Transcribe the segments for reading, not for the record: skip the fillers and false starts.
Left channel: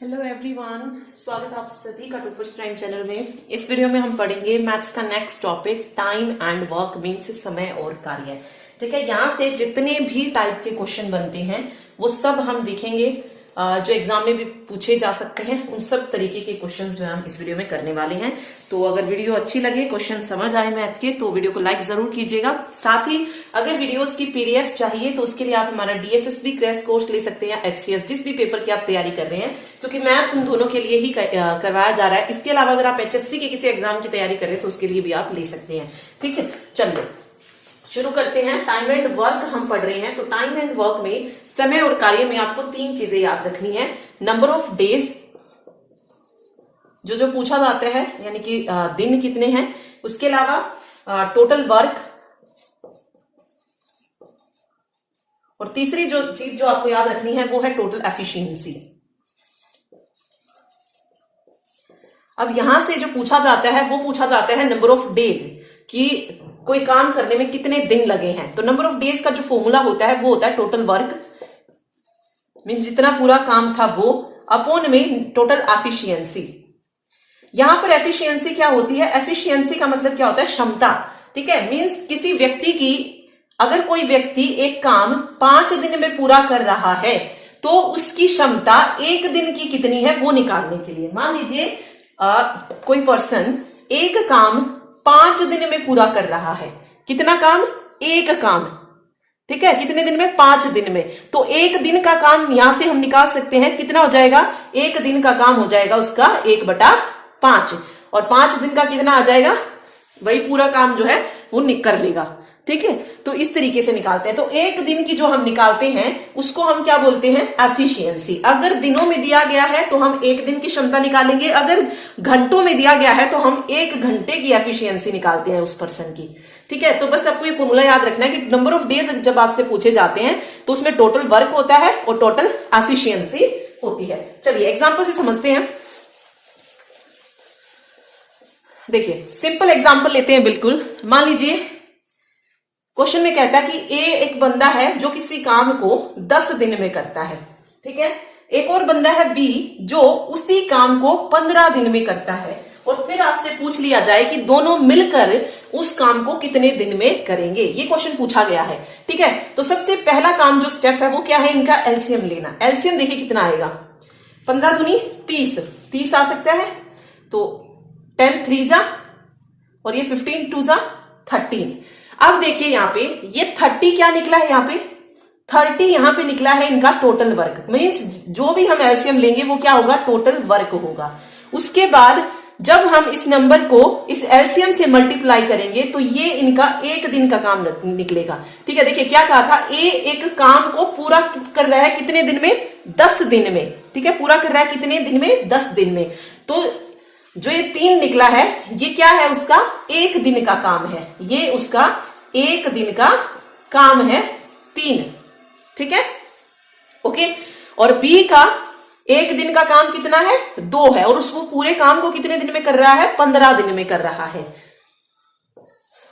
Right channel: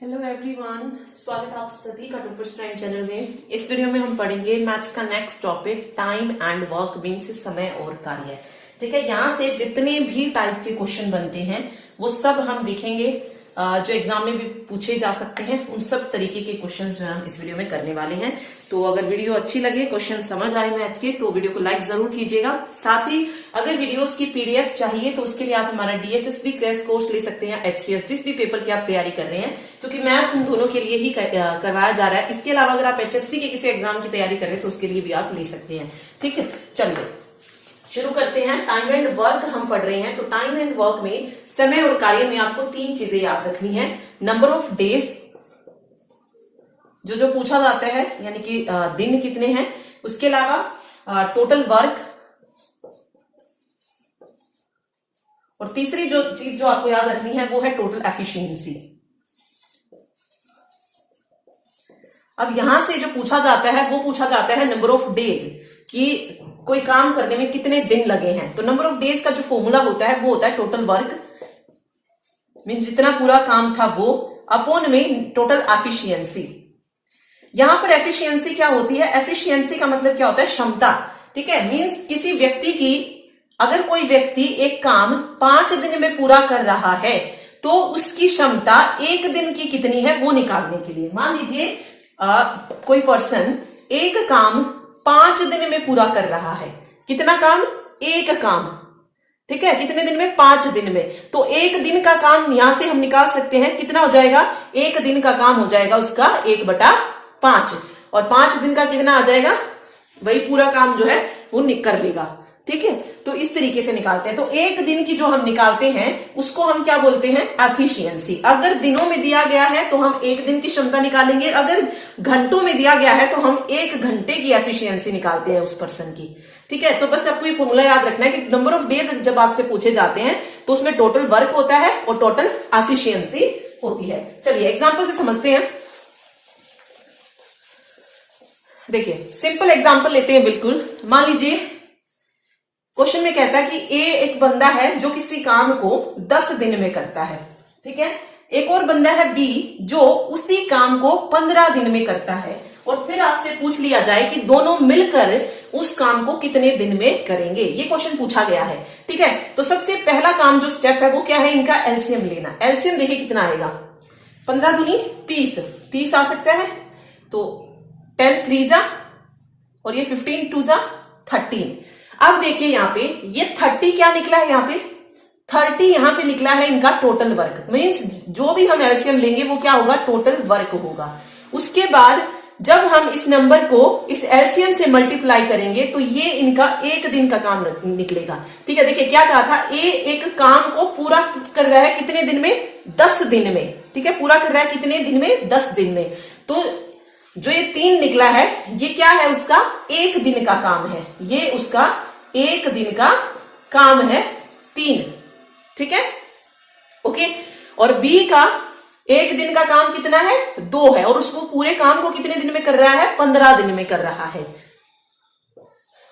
Hello everyone, स्वागत है आप सभी का टॉपर्स टाइम चैनल में। इस वीडियो में हम पढ़ेंगे मैथ्स का next topic time and work means समय और कार्य। ठीक है, यहाँ से जितने भी टाइप के क्वेश्चन बनते हैं वो सब हम देखेंगे, जो एग्जाम में भी पूछे जा सकते हैं। उन सब तरीके के क्वेश्चन जो हम इस वीडियो में करने वाले हैं। तो अगर वीडियो अच्छी लगे, क्वेश्चन समझ आए मैथ के, तो वीडियो को लाइक जरूर कीजिएगा। साथ ही अगर वीडियोस की पीडीएफ चाहिए तो उसके लिए आप हमारा डीएसएसबी क्रैश कोर्स ले सकते हैं, एचसीएस जिस भी पेपर की आप तैयारी कर रहे हैं, क्योंकि मैथ उन दोनों के लिए ही करवाया जा रहा है। इसके अलावा अगर आप एचएससी के किसी एग्जाम की तैयारी कर रहे हैं तो उसके लिए भी आप ले सकते हैं। ठीक है, चलिए शुरू करते हैं। टाइम एंड वर्क हम पढ़ रहे हैं। तो टाइम एंड वर्क में समय और कार्य में आपको तीन चीजें याद रखनी है। नंबर ऑफ डेज, जो पूछा जाता है, यानी कि दिन कितने हैं। उसके अलावा टोटल वर्क, और तीसरी जो चीज जो आपको याद रखनी है वो है टोटल एफिशिएंसी। अब यहां से जो पूछा जाता है वो पूछा जाता है नंबर ऑफ डेज, कि कोई काम करने में कितने दिन लगे हैं। तो नंबर ऑफ डेज का जो फॉर्मूला होता है वो होता है टोटल वर्क मीन जितना पूरा काम था वो, अपॉन में टोटल एफिशिएंसी। यहां पर एफिशिएंसी क्या होती है? एफिशिएंसी का मतलब क्या होता है? क्षमता। ठीक है, मीन्स किसी व्यक्ति की, अगर कोई व्यक्ति एक काम 5 दिन में पूरा कर रहा है तो उसकी क्षमता एक दिन की कितनी है वो निकालने के लिए। मान लीजिए कोई पर्सन एक काम 5 दिन में पूरा कर रहा है। कितना काम? एक काम। ठीक है, कितने दिन में? 5 दिन में। तो एक दिन का काम यहां से हम निकाल सकते हैं। कितना हो जाएगा? एक दिन का काम हो जाएगा उसका 1/5, और 5 दिन का कितना आ जाएगा? वही पूरा काम जो है वो कर लेगा। ठीक है, तो इस तरीके से निकालते हैं। तो एक दिन की जो हम निकालते हैं उसको हम क्या बोलते हैं? एफिशिएंसी। अगर दिनों में दिया गया है तो हम एक दिन की क्षमता निकालेंगे, अगर घंटों में दिया गया है तो हम 1 घंटे की एफिशिएंसी निकालते हैं उस पर्सन की। ठीक है, तो बस आपको ये फॉर्मूला याद रखना है कि नंबर ऑफ डेज जब आपसे पूछे जाते हैं तो उसमें टोटल वर्क होता है और टोटल एफिशिएंसी होती है। चलिए एग्जाम्पल से समझते हैं। देखिए सिंपल एग्जाम्पल लेते हैं। बिल्कुल मान लीजिए क्वेश्चन में कहता है कि ए एक बंदा है जो किसी काम को 10 दिन में करता है। ठीक है, एक और बंदा है बी जो उसी काम को 15 दिन में करता है, और फिर आपसे पूछ लिया जाए कि दोनों मिलकर उस काम को कितने दिन में करेंगे। ये क्वेश्चन पूछा गया है। ठीक है, तो सबसे पहला काम जो स्टेप है वो क्या है? इनका एलसीएम लेना। एलसीएम देखिए कितना आएगा? 15 दूनी 30 आ सकता है। तो 10 3 जा, और ये 15 2 जा 13। अब देखिए यहाँ पे ये 30 क्या निकला है? यहाँ पे 30 यहाँ पे निकला है इनका टोटल वर्क। मीन्स जो भी हम एलसीएम लेंगे वो क्या होगा? टोटल वर्क होगा। उसके बाद जब हम इस नंबर को इस एलसीएम से मल्टीप्लाई करेंगे तो ये इनका एक दिन का काम निकलेगा। ठीक है, देखिए क्या कहा था? ए एक काम को पूरा कर रहा है कितने दिन में? 10 दिन में। ठीक है, पूरा कर रहा है कितने दिन में? 10 दिन में। तो जो ये 3 निकला है ये क्या है? उसका एक दिन का काम है। ये उसका एक दिन का काम है 3। ठीक है, ओके। और बी का एक दिन का काम कितना है? 2 है, और उसको पूरे काम को कितने दिन में कर रहा है? 15 दिन में कर रहा है।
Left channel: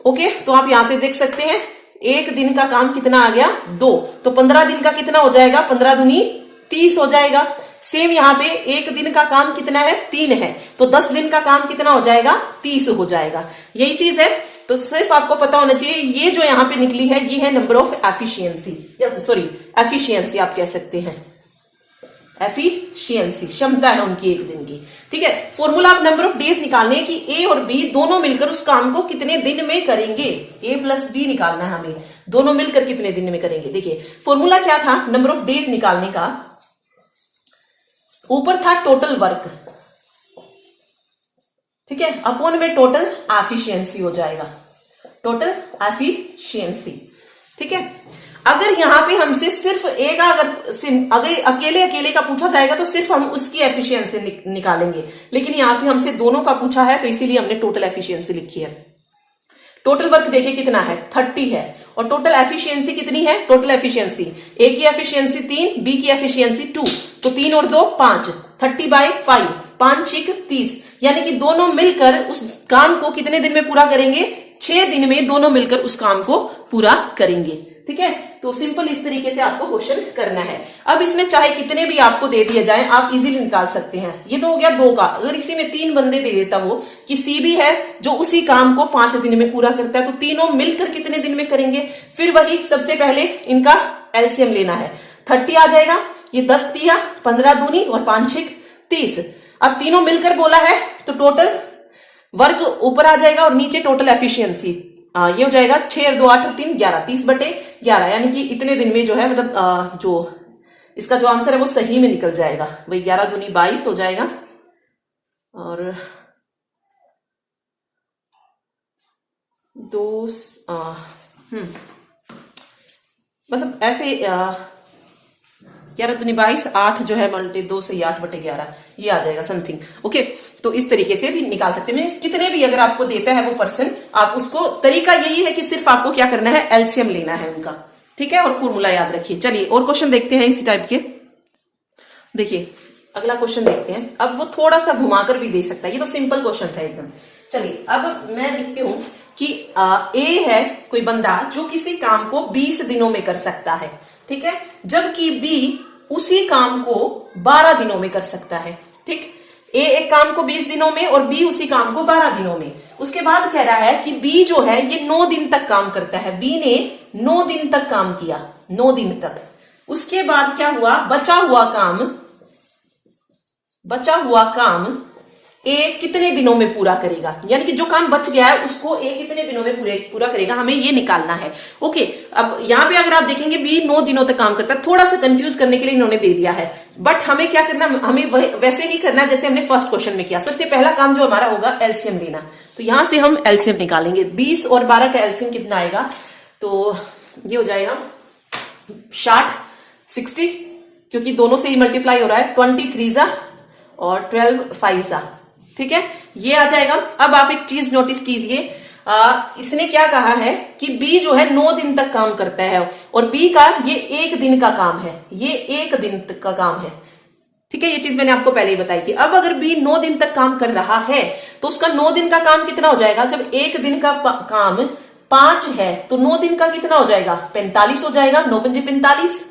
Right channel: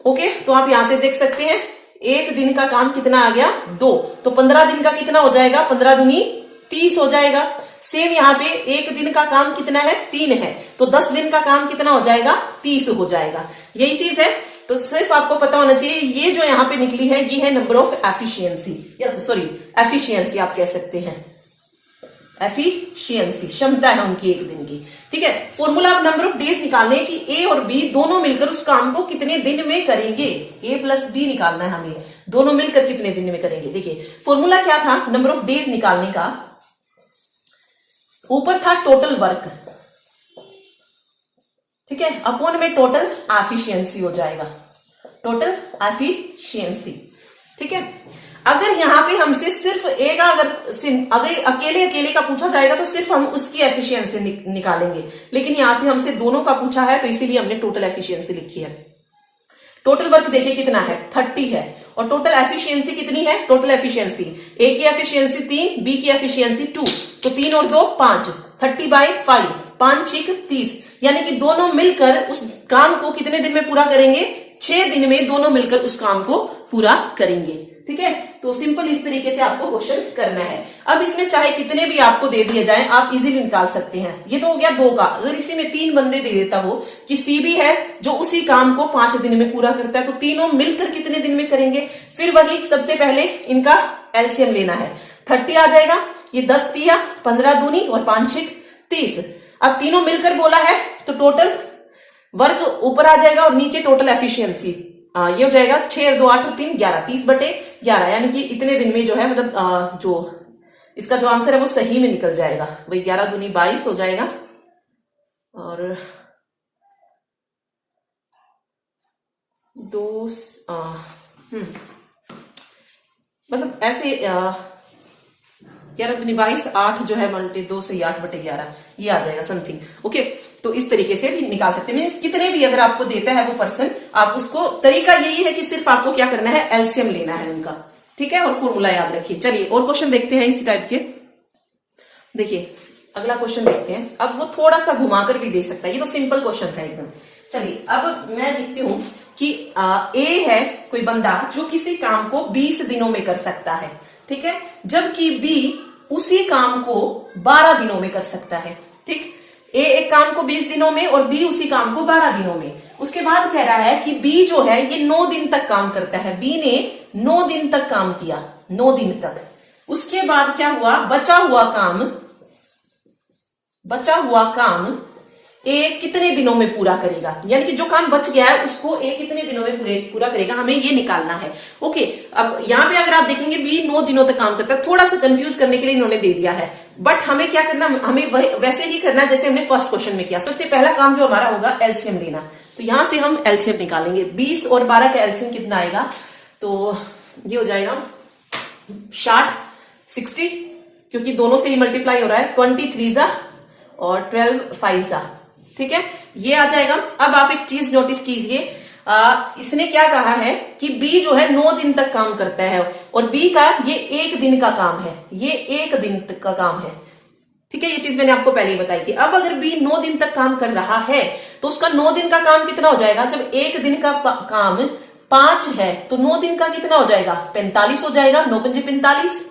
ओके, तो आप यहां से देख सकते हैं एक दिन का काम कितना आ गया? 2। तो 15 दिन का कितना हो जाएगा? 15 दूनी 30 हो जाएगा। सेम यहाँ पे एक दिन का काम कितना है? 3 है, तो 10 दिन का काम कितना हो जाएगा? 30 हो जाएगा। यही चीज है। तो सिर्फ आपको पता होना चाहिए ये जो यहाँ पे निकली है ये है नंबर ऑफ एफिशिएंसी, या सॉरी एफिशिएंसी आप कह सकते हैं। एफिशिएंसी क्षमता है उनकी एक दिन की। ठीक है, फॉर्मूला आप नंबर ऑफ डेज निकालने कि ए और बी दोनों मिलकर उस काम को कितने दिन में करेंगे। ए प्लस बी निकालना है हमें, दोनों मिलकर कितने दिन में करेंगे। देखिए फॉर्मूला क्या था नंबर ऑफ डेज निकालने का? ऊपर था टोटल वर्क, ठीक है, अपॉन में टोटल एफिशिएंसी हो जाएगा। Total efficiency. ठीक है, अगर यहां पे हमसे सिर्फ एक अगर अकेले का पूछा जाएगा तो सिर्फ हम उसकी एफिशिएंसी निकालेंगे, लेकिन यहां पे हमसे दोनों का पूछा है तो इसीलिए हमने टोटल एफिशिएंसी लिखी है। टोटल वर्क देखिए कितना है? 30 है, और टोटल एफिशिएंसी कितनी है? टोटल एफिशिएंसी ए की एफिशिएंसी 3, बी की एफिशिएंसी 2, तो 3 और 2 5, 30/5, 5 6 30, यानी कि दोनों मिलकर उस काम को कितने दिन में पूरा करेंगे? 6 दिन में दोनों मिलकर उस काम को पूरा करेंगे। ठीक है, तो सिंपल इस तरीके से आपको क्वेश्चन करना है। अब इसमें चाहे कितने भी आपको दे दिए जाए आप इजीली निकाल सकते हैं। ये तो हो गया 2 का। अगर इसी में 3 बंदे दे देता वो कि सी भी है जो उसी काम को 5 दिन में पूरा करता है, तो तीनों मिलकर कितने दिन में करेंगे? फिर वही सबसे पहले इनका एलसीएम लेना है। 30 आ जाएगा, ये 10 तिया 15 दूनी और 5 6 30। अब तीनों मिलकर बोला है तो टोटल वर्क ऊपर आ जाएगा और नीचे टोटल एफिशिएंसी ये हो जाएगा 6 और 2 8 और 3 11 30/11, यानी कि इतने दिन में जो है मतलब जो इसका जो आंसर है वो सही में निकल जाएगा। वही 11 दूनी 22 हो जाएगा और 2 मतलब ऐसे 11 दूनी 22 8 जो है मल्टी 2 से 8/11 ये आ जाएगा समथिंग। ओके, तो इस तरीके से भी निकाल सकते हैं। मीन्स कितने भी अगर आपको देता है वो पर्सन, आप उसको तरीका यही है कि सिर्फ आपको क्या करना है, एलसीएम लेना है उनका, ठीक है, और फॉर्मूला याद रखिए। चलिए और क्वेश्चन देखते हैं इसी टाइप के। देखिए अगला क्वेश्चन देखते हैं। अब वो थोड़ा सा घुमाकर भी दे सकता है, ये तो सिंपल क्वेश्चन था एकदम। चलिए अब मैं लिखती हूं कि ए है कोई बंदा जो किसी काम को 20 दिनों में कर सकता है, ठीक है, जबकि बी उसी काम को 12 दिनों में कर सकता है। ठीक, ए एक काम को 20 दिनों में और बी उसी काम को 12 दिनों में। उसके बाद कह रहा है कि बी जो है ये 9 दिन तक काम करता है। बी ने 9 दिन तक काम किया, 9 दिन तक। उसके बाद क्या हुआ, बचा हुआ काम ए कितने दिनों में पूरा करेगा, यानी कि जो काम बच गया है उसको ए कितने दिनों में पूरा करेगा, हमें ये निकालना है। ओके, अब यहां पे अगर आप देखेंगे बी 9 दिनों तक काम करता है, थोड़ा सा कंफ्यूज करने के लिए इन्होंने दे दिया है, बट हमें क्या करना है, हमें वैसे ही करना है जैसे हमने फर्स्ट क्वेश्चन में किया। सबसे पहला काम जो हमारा होगा एलसीएम लेना, तो यहां से हम एलसीएम निकालेंगे। 20 और 12 का एलसीएम कितना आएगा, तो ये हो जाएगा 60 क्योंकि दोनों से ही मल्टीप्लाई हो रहा है, 23 जा और 12 5 जा, ठीक है, ये आ जाएगा। अब आप एक चीज नोटिस कीजिए, इसने क्या कहा है कि बी जो है 9 दिन तक काम करता है और बी का ये 1 दिन का काम है, ये 1 दिन तक का काम है, ठीक है, ये चीज मैंने आपको पहले ही बताई थी। अब अगर बी 9 दिन तक काम कर रहा है तो उसका 9 दिन का काम कितना हो जाएगा, जब 1 दिन का काम 5 है तो 9 दिन का कितना हो जाएगा, 45 हो जाएगा। 9 पंजे 45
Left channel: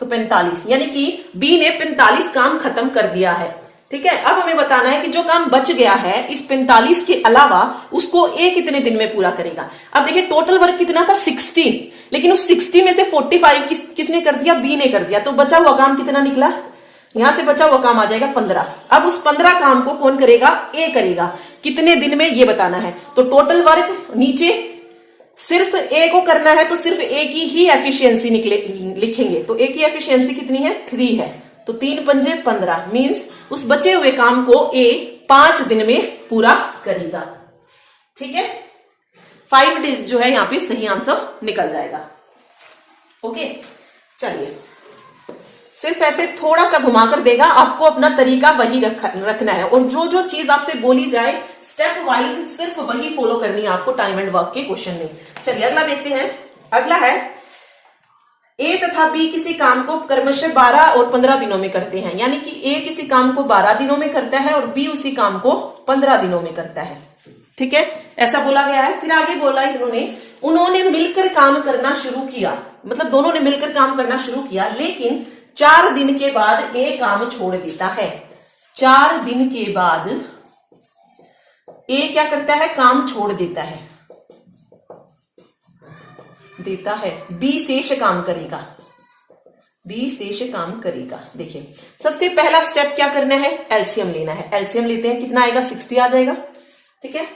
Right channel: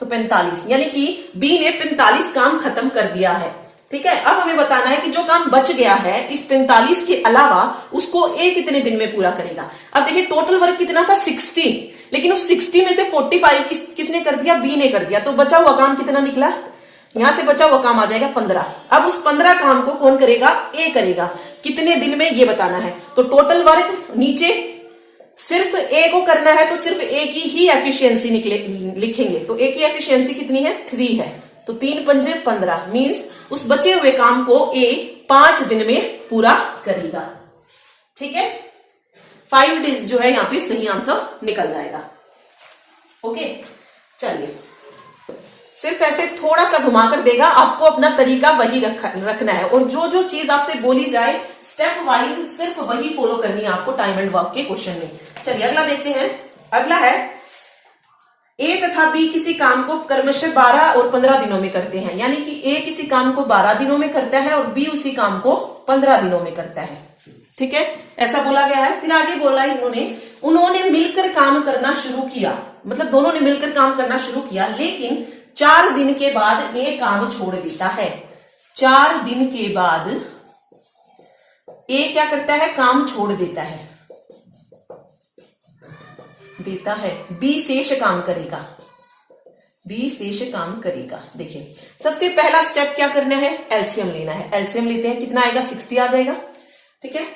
तो 45, यानी कि बी ने 45 काम खत्म कर दिया है, ठीक है। अब हमें बताना है कि जो काम बच गया है इस 45 के अलावा उसको ए कितने दिन में पूरा करेगा। अब देखिए टोटल वर्क कितना था 60, लेकिन उस 60 में से 45 किसने कर दिया, बी ने कर दिया, तो बचा हुआ काम कितना निकला, यहां से बचा हुआ काम आ जाएगा 15। अब उस 15 काम को कौन करेगा, ए करेगा, कितने दिन में ये बताना है। तो टोटल वर्क नीचे सिर्फ ए को करना है तो सिर्फ ए की ही एफिशिएंसी लिखेंगे, तो ए की एफिशिएंसी कितनी है, 3 है, तो 3 पंजे 15 मीन्स उस बचे हुए काम को ए 5 दिन में पूरा करेगा, ठीक है। 5 डेज जो है यहाँ पे सही आंसर निकल जाएगा। ओके, चलिए सिर्फ ऐसे थोड़ा सा घुमाकर देगा, आपको अपना तरीका वही रखना है और जो जो चीज आपसे बोली जाए स्टेप वाइज सिर्फ वही फॉलो करनी है आपको टाइम एंड वर्क के क्वेश्चन में। चलिए अगला देखते हैं। अगला है ए तथा बी किसी काम को क्रमशः 12 और 15 दिनों में करते हैं, यानी कि ए किसी काम को 12 दिनों में करता है और बी उसी काम को 15 दिनों में करता है, ठीक है, ऐसा बोला गया है। फिर आगे बोला उन्होंने मिलकर काम करना शुरू किया, मतलब दोनों ने मिलकर काम करना शुरू किया, लेकिन 4 दिन के बाद ए काम छोड़ देता है। 4 दिन के बाद ए क्या करता है, काम छोड़ देता है, बी शेष काम करेगा, बी शेष काम करेगा। देखिए सबसे पहला स्टेप क्या करना है, एलसीएम लेना है। एलसीएम लेते हैं, कितना आएगा, 60 आ जाएगा, ठीक है।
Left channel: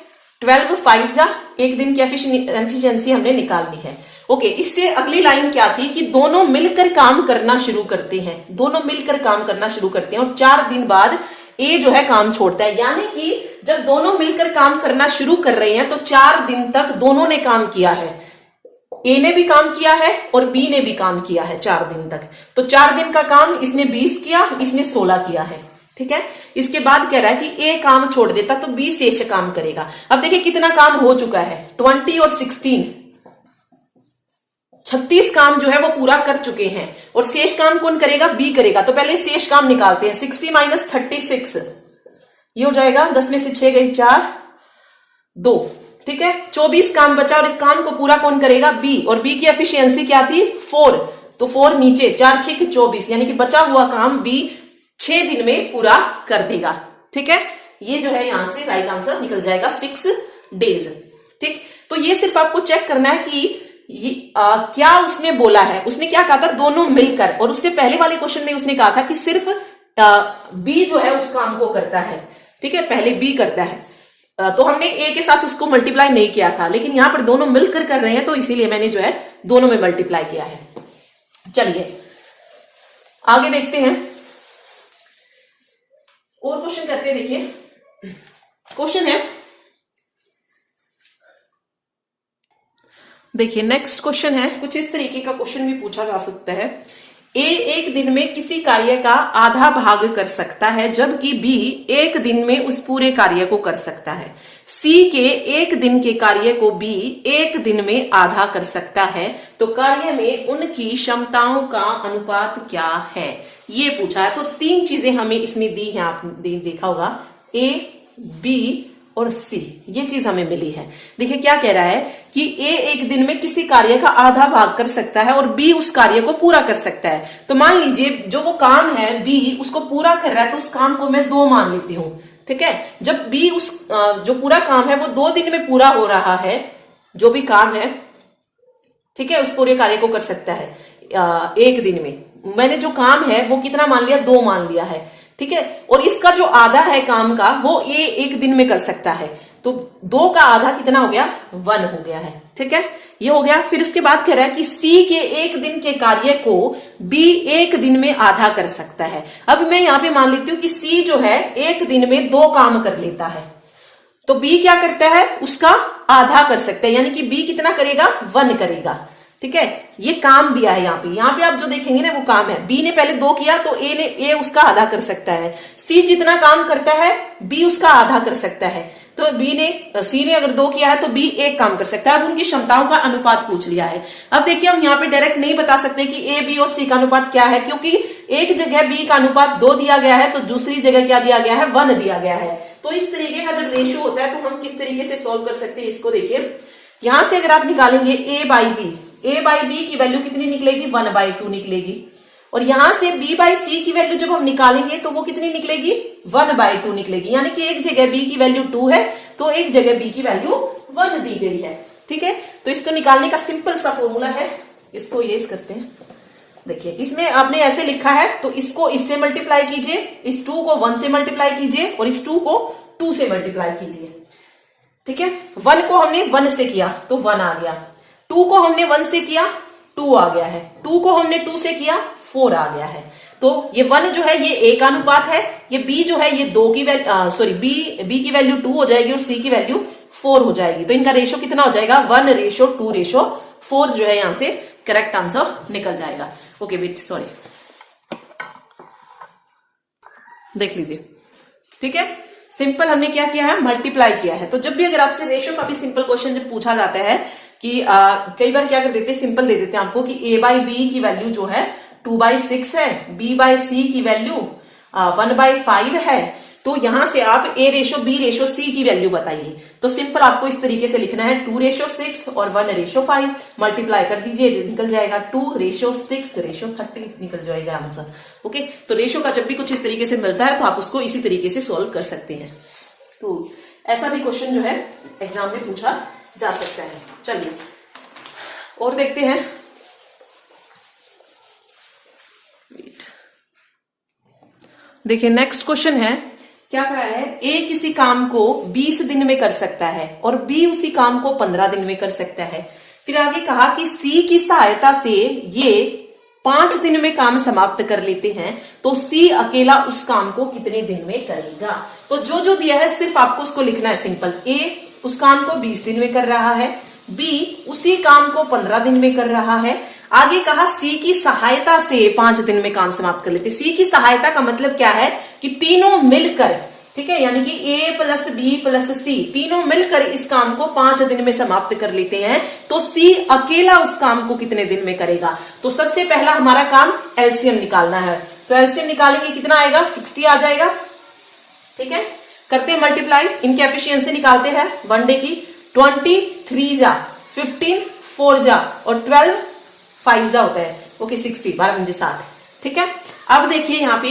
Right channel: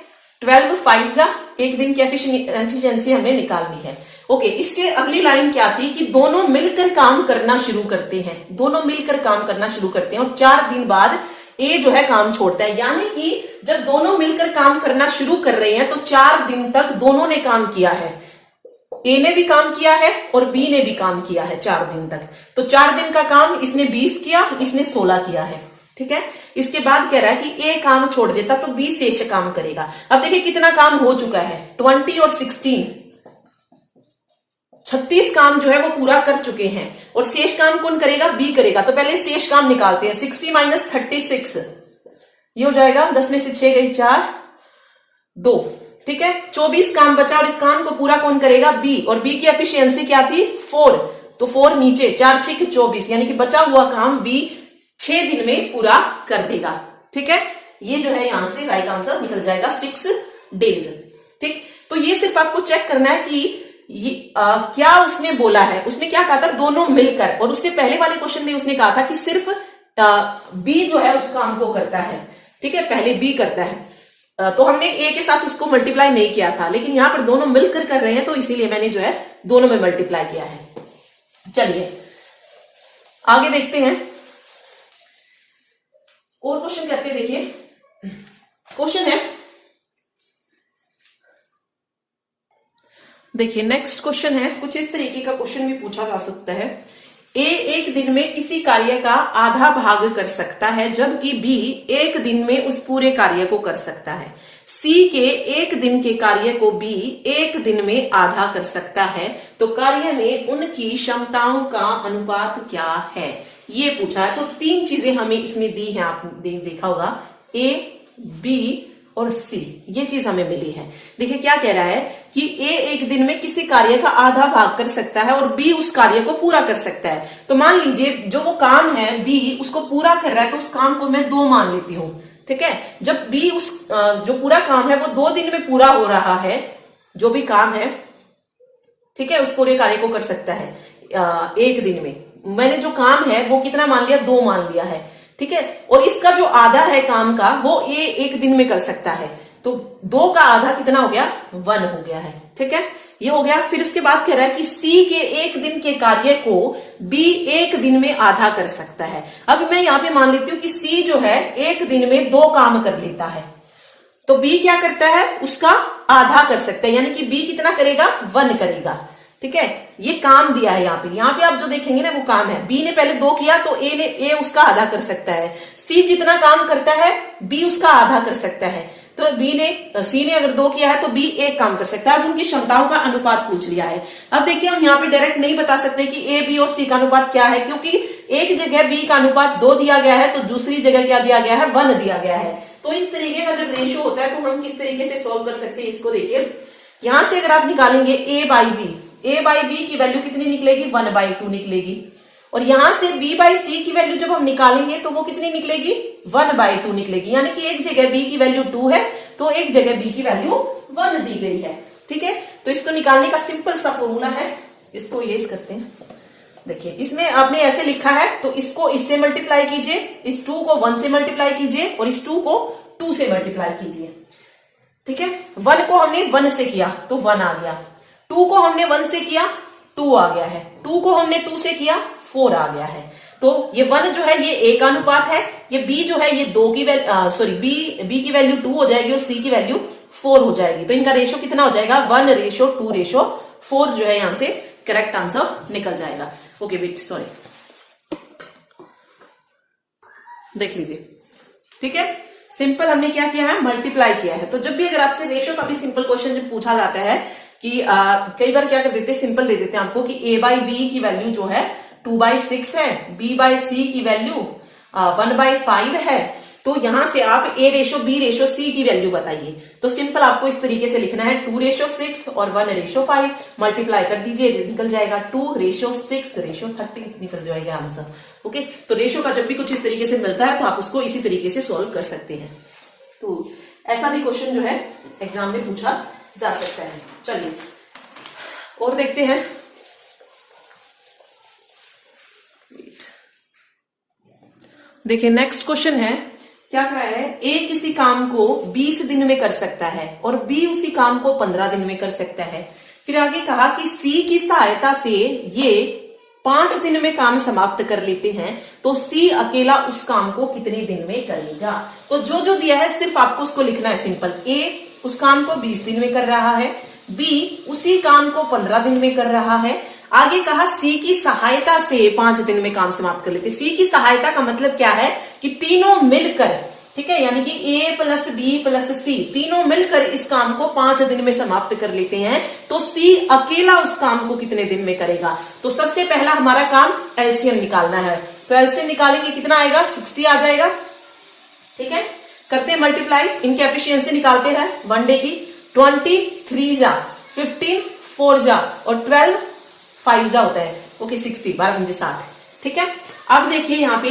12 5 जा, 1 दिन की एफिशिएंसी हमने निकालनी है। ओके, इससे अगली लाइन क्या थी कि दोनों मिलकर काम करना शुरू करते हैं, दोनों मिलकर काम करना शुरू करते हैं और 4 दिन बाद ए जो है काम छोड़ता है, यानी कि जब दोनों मिलकर काम करना शुरू कर रहे हैं तो 4 दिन तक दोनों ने काम किया है, ए ने भी काम किया है और बी ने भी काम किया है 4 दिन तक। तो 4 दिन का काम इसने 20 किया, इसने 16 किया है, ठीक है। इसके बाद कह रहा है कि ए काम छोड़ देता तो बी शेष काम करेगा। अब देखिए कितना काम हो चुका है, 20 और 16 36 काम जो है वो पूरा कर चुके हैं और शेष काम कौन करेगा, बी करेगा। तो पहले शेष काम निकालते हैं, 60 माइनस 36 ये हो जाएगा, 10 में से 6 गई 4 2, ठीक है, 24 काम बचा और इस काम को पूरा कौन करेगा? बी, और बी की एफिशिएंसी क्या थी? 4, तो 4 नीचे, 4 6 24, यानी कि बचा हुआ काम बी 6 दिन में पूरा कर देगा। ठीक है, ये जो है यहां से राइट आंसर निकल जाएगा 6 डेज। ठीक, तो ये सिर्फ आपको चेक करना है कि क्या उसने बोला है, उसने क्या कहा था? दोनों मिलकर, और उससे पहले वाले क्वेश्चन में उसने कहा था कि सिर्फ बी जो है उस काम को करता है। ठीक है, पहले बी करता है, तो हमने ए के साथ उसको मल्टीप्लाई नहीं किया था, लेकिन यहां पर दोनों मिलकर कर रहे हैं तो इसीलिए मैंने जो है दोनों में मल्टीप्लाई किया है। चलिए आगे देखते हैं, और क्वेश्चन करते हैं। देखिए क्वेश्चन है, देखिए नेक्स्ट क्वेश्चन है, कुछ इस तरीके का क्वेश्चन भी पूछा जा सकता है। ए एक दिन में किसी कार्य का आधा भाग कर सकता है, जबकि बी एक दिन में उस पूरे कार्य को कर सकता है। सी के एक दिन के कार्य को बी एक दिन में आधा कर सकता है, तो कार्य में उनकी क्षमताओं का अनुपात क्या है? ये पूछा है। तो 3 चीजें हमें इसमें दी हैं, आपने देखा होगा, ए, बी और सी, ये चीज हमें मिली है। देखिए क्या कह रहा है कि ए एक दिन में किसी कार्य का आधा भाग कर सकता है और बी उस कार्य को पूरा कर सकता है। तो मान लीजिए जो वो काम है बी उसको पूरा कर रहा है, तो उस काम को मैं 2 मान लेती हूं। ठीक है, जब बी उस जो पूरा काम है वो 2 दिन में पूरा हो रहा है, जो भी काम है, ठीक है, उस पूरे कार्य को कर सकता है एक दिन में। मैंने जो काम है वो कितना मान लिया? 2 मान लिया है। ठीक है, और इसका जो आधा है काम का वो ए एक दिन में कर सकता है, तो 2 का आधा कितना हो गया? 1 हो गया है। ठीक है, ये हो गया। फिर उसके बाद कह रहा है कि सी के एक दिन के कार्य को बी एक दिन में आधा कर सकता है। अब मैं यहां पे मान लेती हूं कि सी जो है एक दिन में 2 काम कर लेता है, तो बी क्या करता है? उसका आधा कर सकता है, यानी कि बी कितना करेगा? 1 करेगा। ठीक है, ये काम दिया है यहाँ पे आप जो देखेंगे ना वो काम है। बी ने पहले 2 किया तो ए उसका आधा कर सकता है। सी जितना काम करता है बी उसका आधा कर सकता है, तो सी ने अगर 2 किया है तो बी 1 काम कर सकता है। अब उनकी क्षमताओं का अनुपात पूछ लिया है। अब देखिए हम यहाँ पे डायरेक्ट नहीं बता सकते कि ए, बी और सी का अनुपात क्या है, क्योंकि एक जगह बी का अनुपात 2 दिया गया है तो दूसरी जगह क्या दिया गया है? 1 दिया गया है। तो इस तरीके का जब रेशियो होता है तो हम किस तरीके से सोल्व कर सकते हैं इसको? देखिए यहां से अगर आप निकालेंगे ए बाई बी की वैल्यू कितनी निकलेगी? 1/2 निकलेगी। और यहां से बी बाई सी की वैल्यू जब हम निकालेंगे तो वो कितनी निकलेगी? 1/2 निकलेगी। यानी कि एक जगह बी की वैल्यू 2 है तो एक जगह बी की वैल्यू 1 दी गई है। ठीक है, तो इसको निकालने का सिंपल सा फॉर्मूला है, इसको इरेज करते हैं। देखिए इसमें आपने ऐसे लिखा है तो इसको इससे मल्टीप्लाई कीजिए, इस 2 को 1 से मल्टीप्लाई कीजिए और इस 2 को 2 से मल्टीप्लाई कीजिए। ठीक है, 1 को हमने 1 से किया तो 1 आ गया, 2 को हमने 1 से किया 2 आ गया है, 2 को हमने 2 से किया 4 आ गया है। तो ये 1 जो है ये ए का अनुपात है, ये बी जो है ये 2 की वैल्यू सॉरी बी की वैल्यू 2 हो जाएगी और सी की वैल्यू 4 हो जाएगी। तो इनका रेशो कितना हो जाएगा? 1:2:4 जो है यहां से करेक्ट आंसर निकल जाएगा। ओके वेट सॉरी, देख लीजिए। ठीक है, सिंपल हमने क्या किया है? मल्टीप्लाई किया है। तो जब भी अगर आपसे रेशो का भी सिंपल क्वेश्चन जब पूछा जाता है कि कई बार क्या कर देते हैं, सिंपल दे देते हैं आपको कि a बाई बी की वैल्यू जो है 2/6 है, b बाई सी की वैल्यू 1/5 है, तो यहां से आप a ratio b ratio c की वैल्यू बताइए। तो सिंपल आपको इस तरीके से लिखना है 2:6 और 1:5 मल्टीप्लाई कर दीजिए, निकल जाएगा 2:6:30 निकल जाएगा आंसर। ओके, तो रेशो का जब भी कुछ इस तरीके से मिलता है तो आप उसको इसी तरीके से सॉल्व कर सकते हैं। तो ऐसा भी क्वेश्चन जो है एग्जाम में पूछा जा सकता है। चलिए और देखते हैं। देखिए नेक्स्ट क्वेश्चन है, क्या कह रहा है? ए किसी काम को 20 दिन में कर सकता है और बी उसी काम को 15 दिन में कर सकता है। फिर आगे कहा कि सी की सहायता से ये 5 दिन में काम समाप्त कर लेते हैं, तो सी अकेला उस काम को कितने दिन में करेगा? तो जो दिया है सिर्फ आपको उसको लिखना है सिंपल। ए उस काम को 20 दिन में कर रहा है, बी उसी काम को 15 दिन में कर रहा है। आगे कहा सी की सहायता से 5 दिन में काम समाप्त कर लेते। सी की सहायता का मतलब क्या है कि तीनों मिलकर, ठीक है, यानी कि ए प्लस बी प्लस सी तीनों मिलकर इस काम को 5 दिन में समाप्त कर लेते हैं, तो सी अकेला उस काम को कितने दिन में करेगा? तो सबसे पहला हमारा काम एलसीएम निकालना है। तो एलसीएम निकालेंगे कितना आएगा? 60 आ जाएगा। ठीक है, करते हैं मल्टीप्लाई, इनकी एफिशिएंसी निकालते हैं 1 डे की। 23 जा 15 4 जा और 12 5 जा होता है। ओके 60 12 5 60। ठीक है, अब देखिए यहाँ पे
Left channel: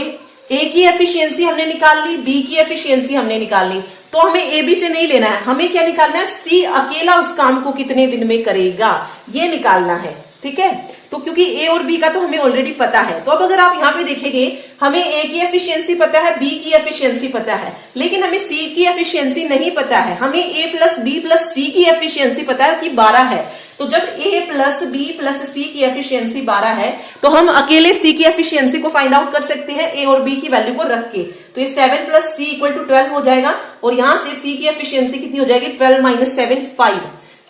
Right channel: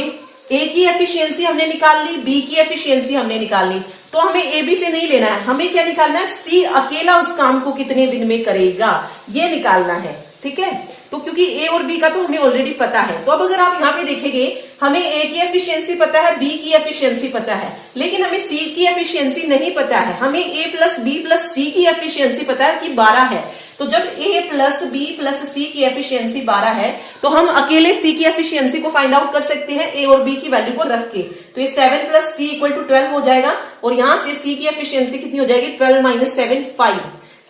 ए की एफिशिएंसी हमने निकाल ली, बी की एफिशिएंसी हमने निकाल ली, तो हमें ए बी से नहीं लेना है, हमें क्या निकालना है, सी अकेला उस काम को कितने दिन में करेगा ये निकालना है। ठीक है, तो क्योंकि ए और बी का तो हमें ऑलरेडी पता है, तो अब अगर आप यहाँ पे देखेंगे हमें ए की एफिशिएंसी पता है, बी की एफिशिएंसी पता है, लेकिन हमें सी की एफिशिएंसी नहीं पता है। हमें ए प्लस बी प्लस सी की एफिशिएंसी पता है कि 12 है, तो जब ए प्लस बी प्लस सी की एफिशिएंसी 12 है तो हम अकेले सी की एफिशिएंसी को फाइंड आउट कर सकते हैं ए और बी की वैल्यू को रख के। तो ये 7 प्लस सी इक्वल टू 12 हो जाएगा, और यहां से सी की एफिशिएंसी कितनी हो जाएगी, 12 माइनस 7 5।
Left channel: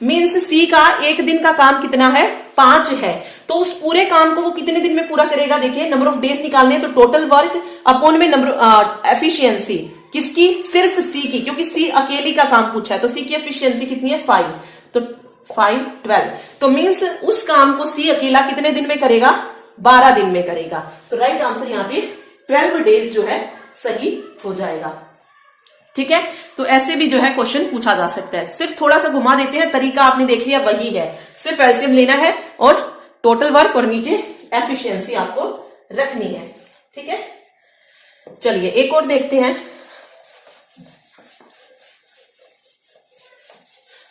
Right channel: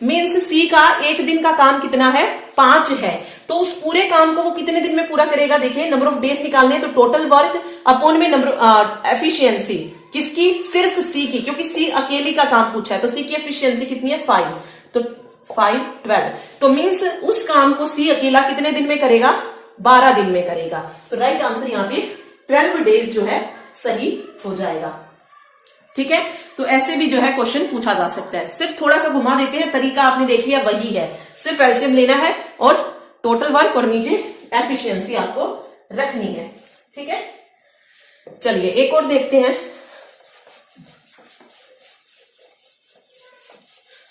मीन्स सी का एक दिन का काम कितना है, 5 है। तो उस पूरे काम को वो कितने दिन में पूरा करेगा, देखिए नंबर ऑफ डेज निकालने हैं, तो टोटल वर्क अपॉन में नंबर एफिशिएंसी किसकी, सिर्फ सी की, क्योंकि सी अकेली का काम पूछा है, तो सी की एफिशिएंसी कितनी है 5, तो 5 12। तो मीन्स उस काम को सी अकेला कितने दिन में करेगा, 12 दिन में करेगा। तो राइट आंसर यहाँ पे 12 डेज जो है सही हो जाएगा। ठीक है, तो ऐसे भी जो है क्वेश्चन पूछा जा सकता है, सिर्फ थोड़ा सा घुमा देते हैं, तरीका आपने देख लिया वही है, सिर्फ एलसीएम लेना है और टोटल वर्क और नीचे एफिशिएंसी आपको रखनी है। ठीक है, चलिए एक और देखते हैं।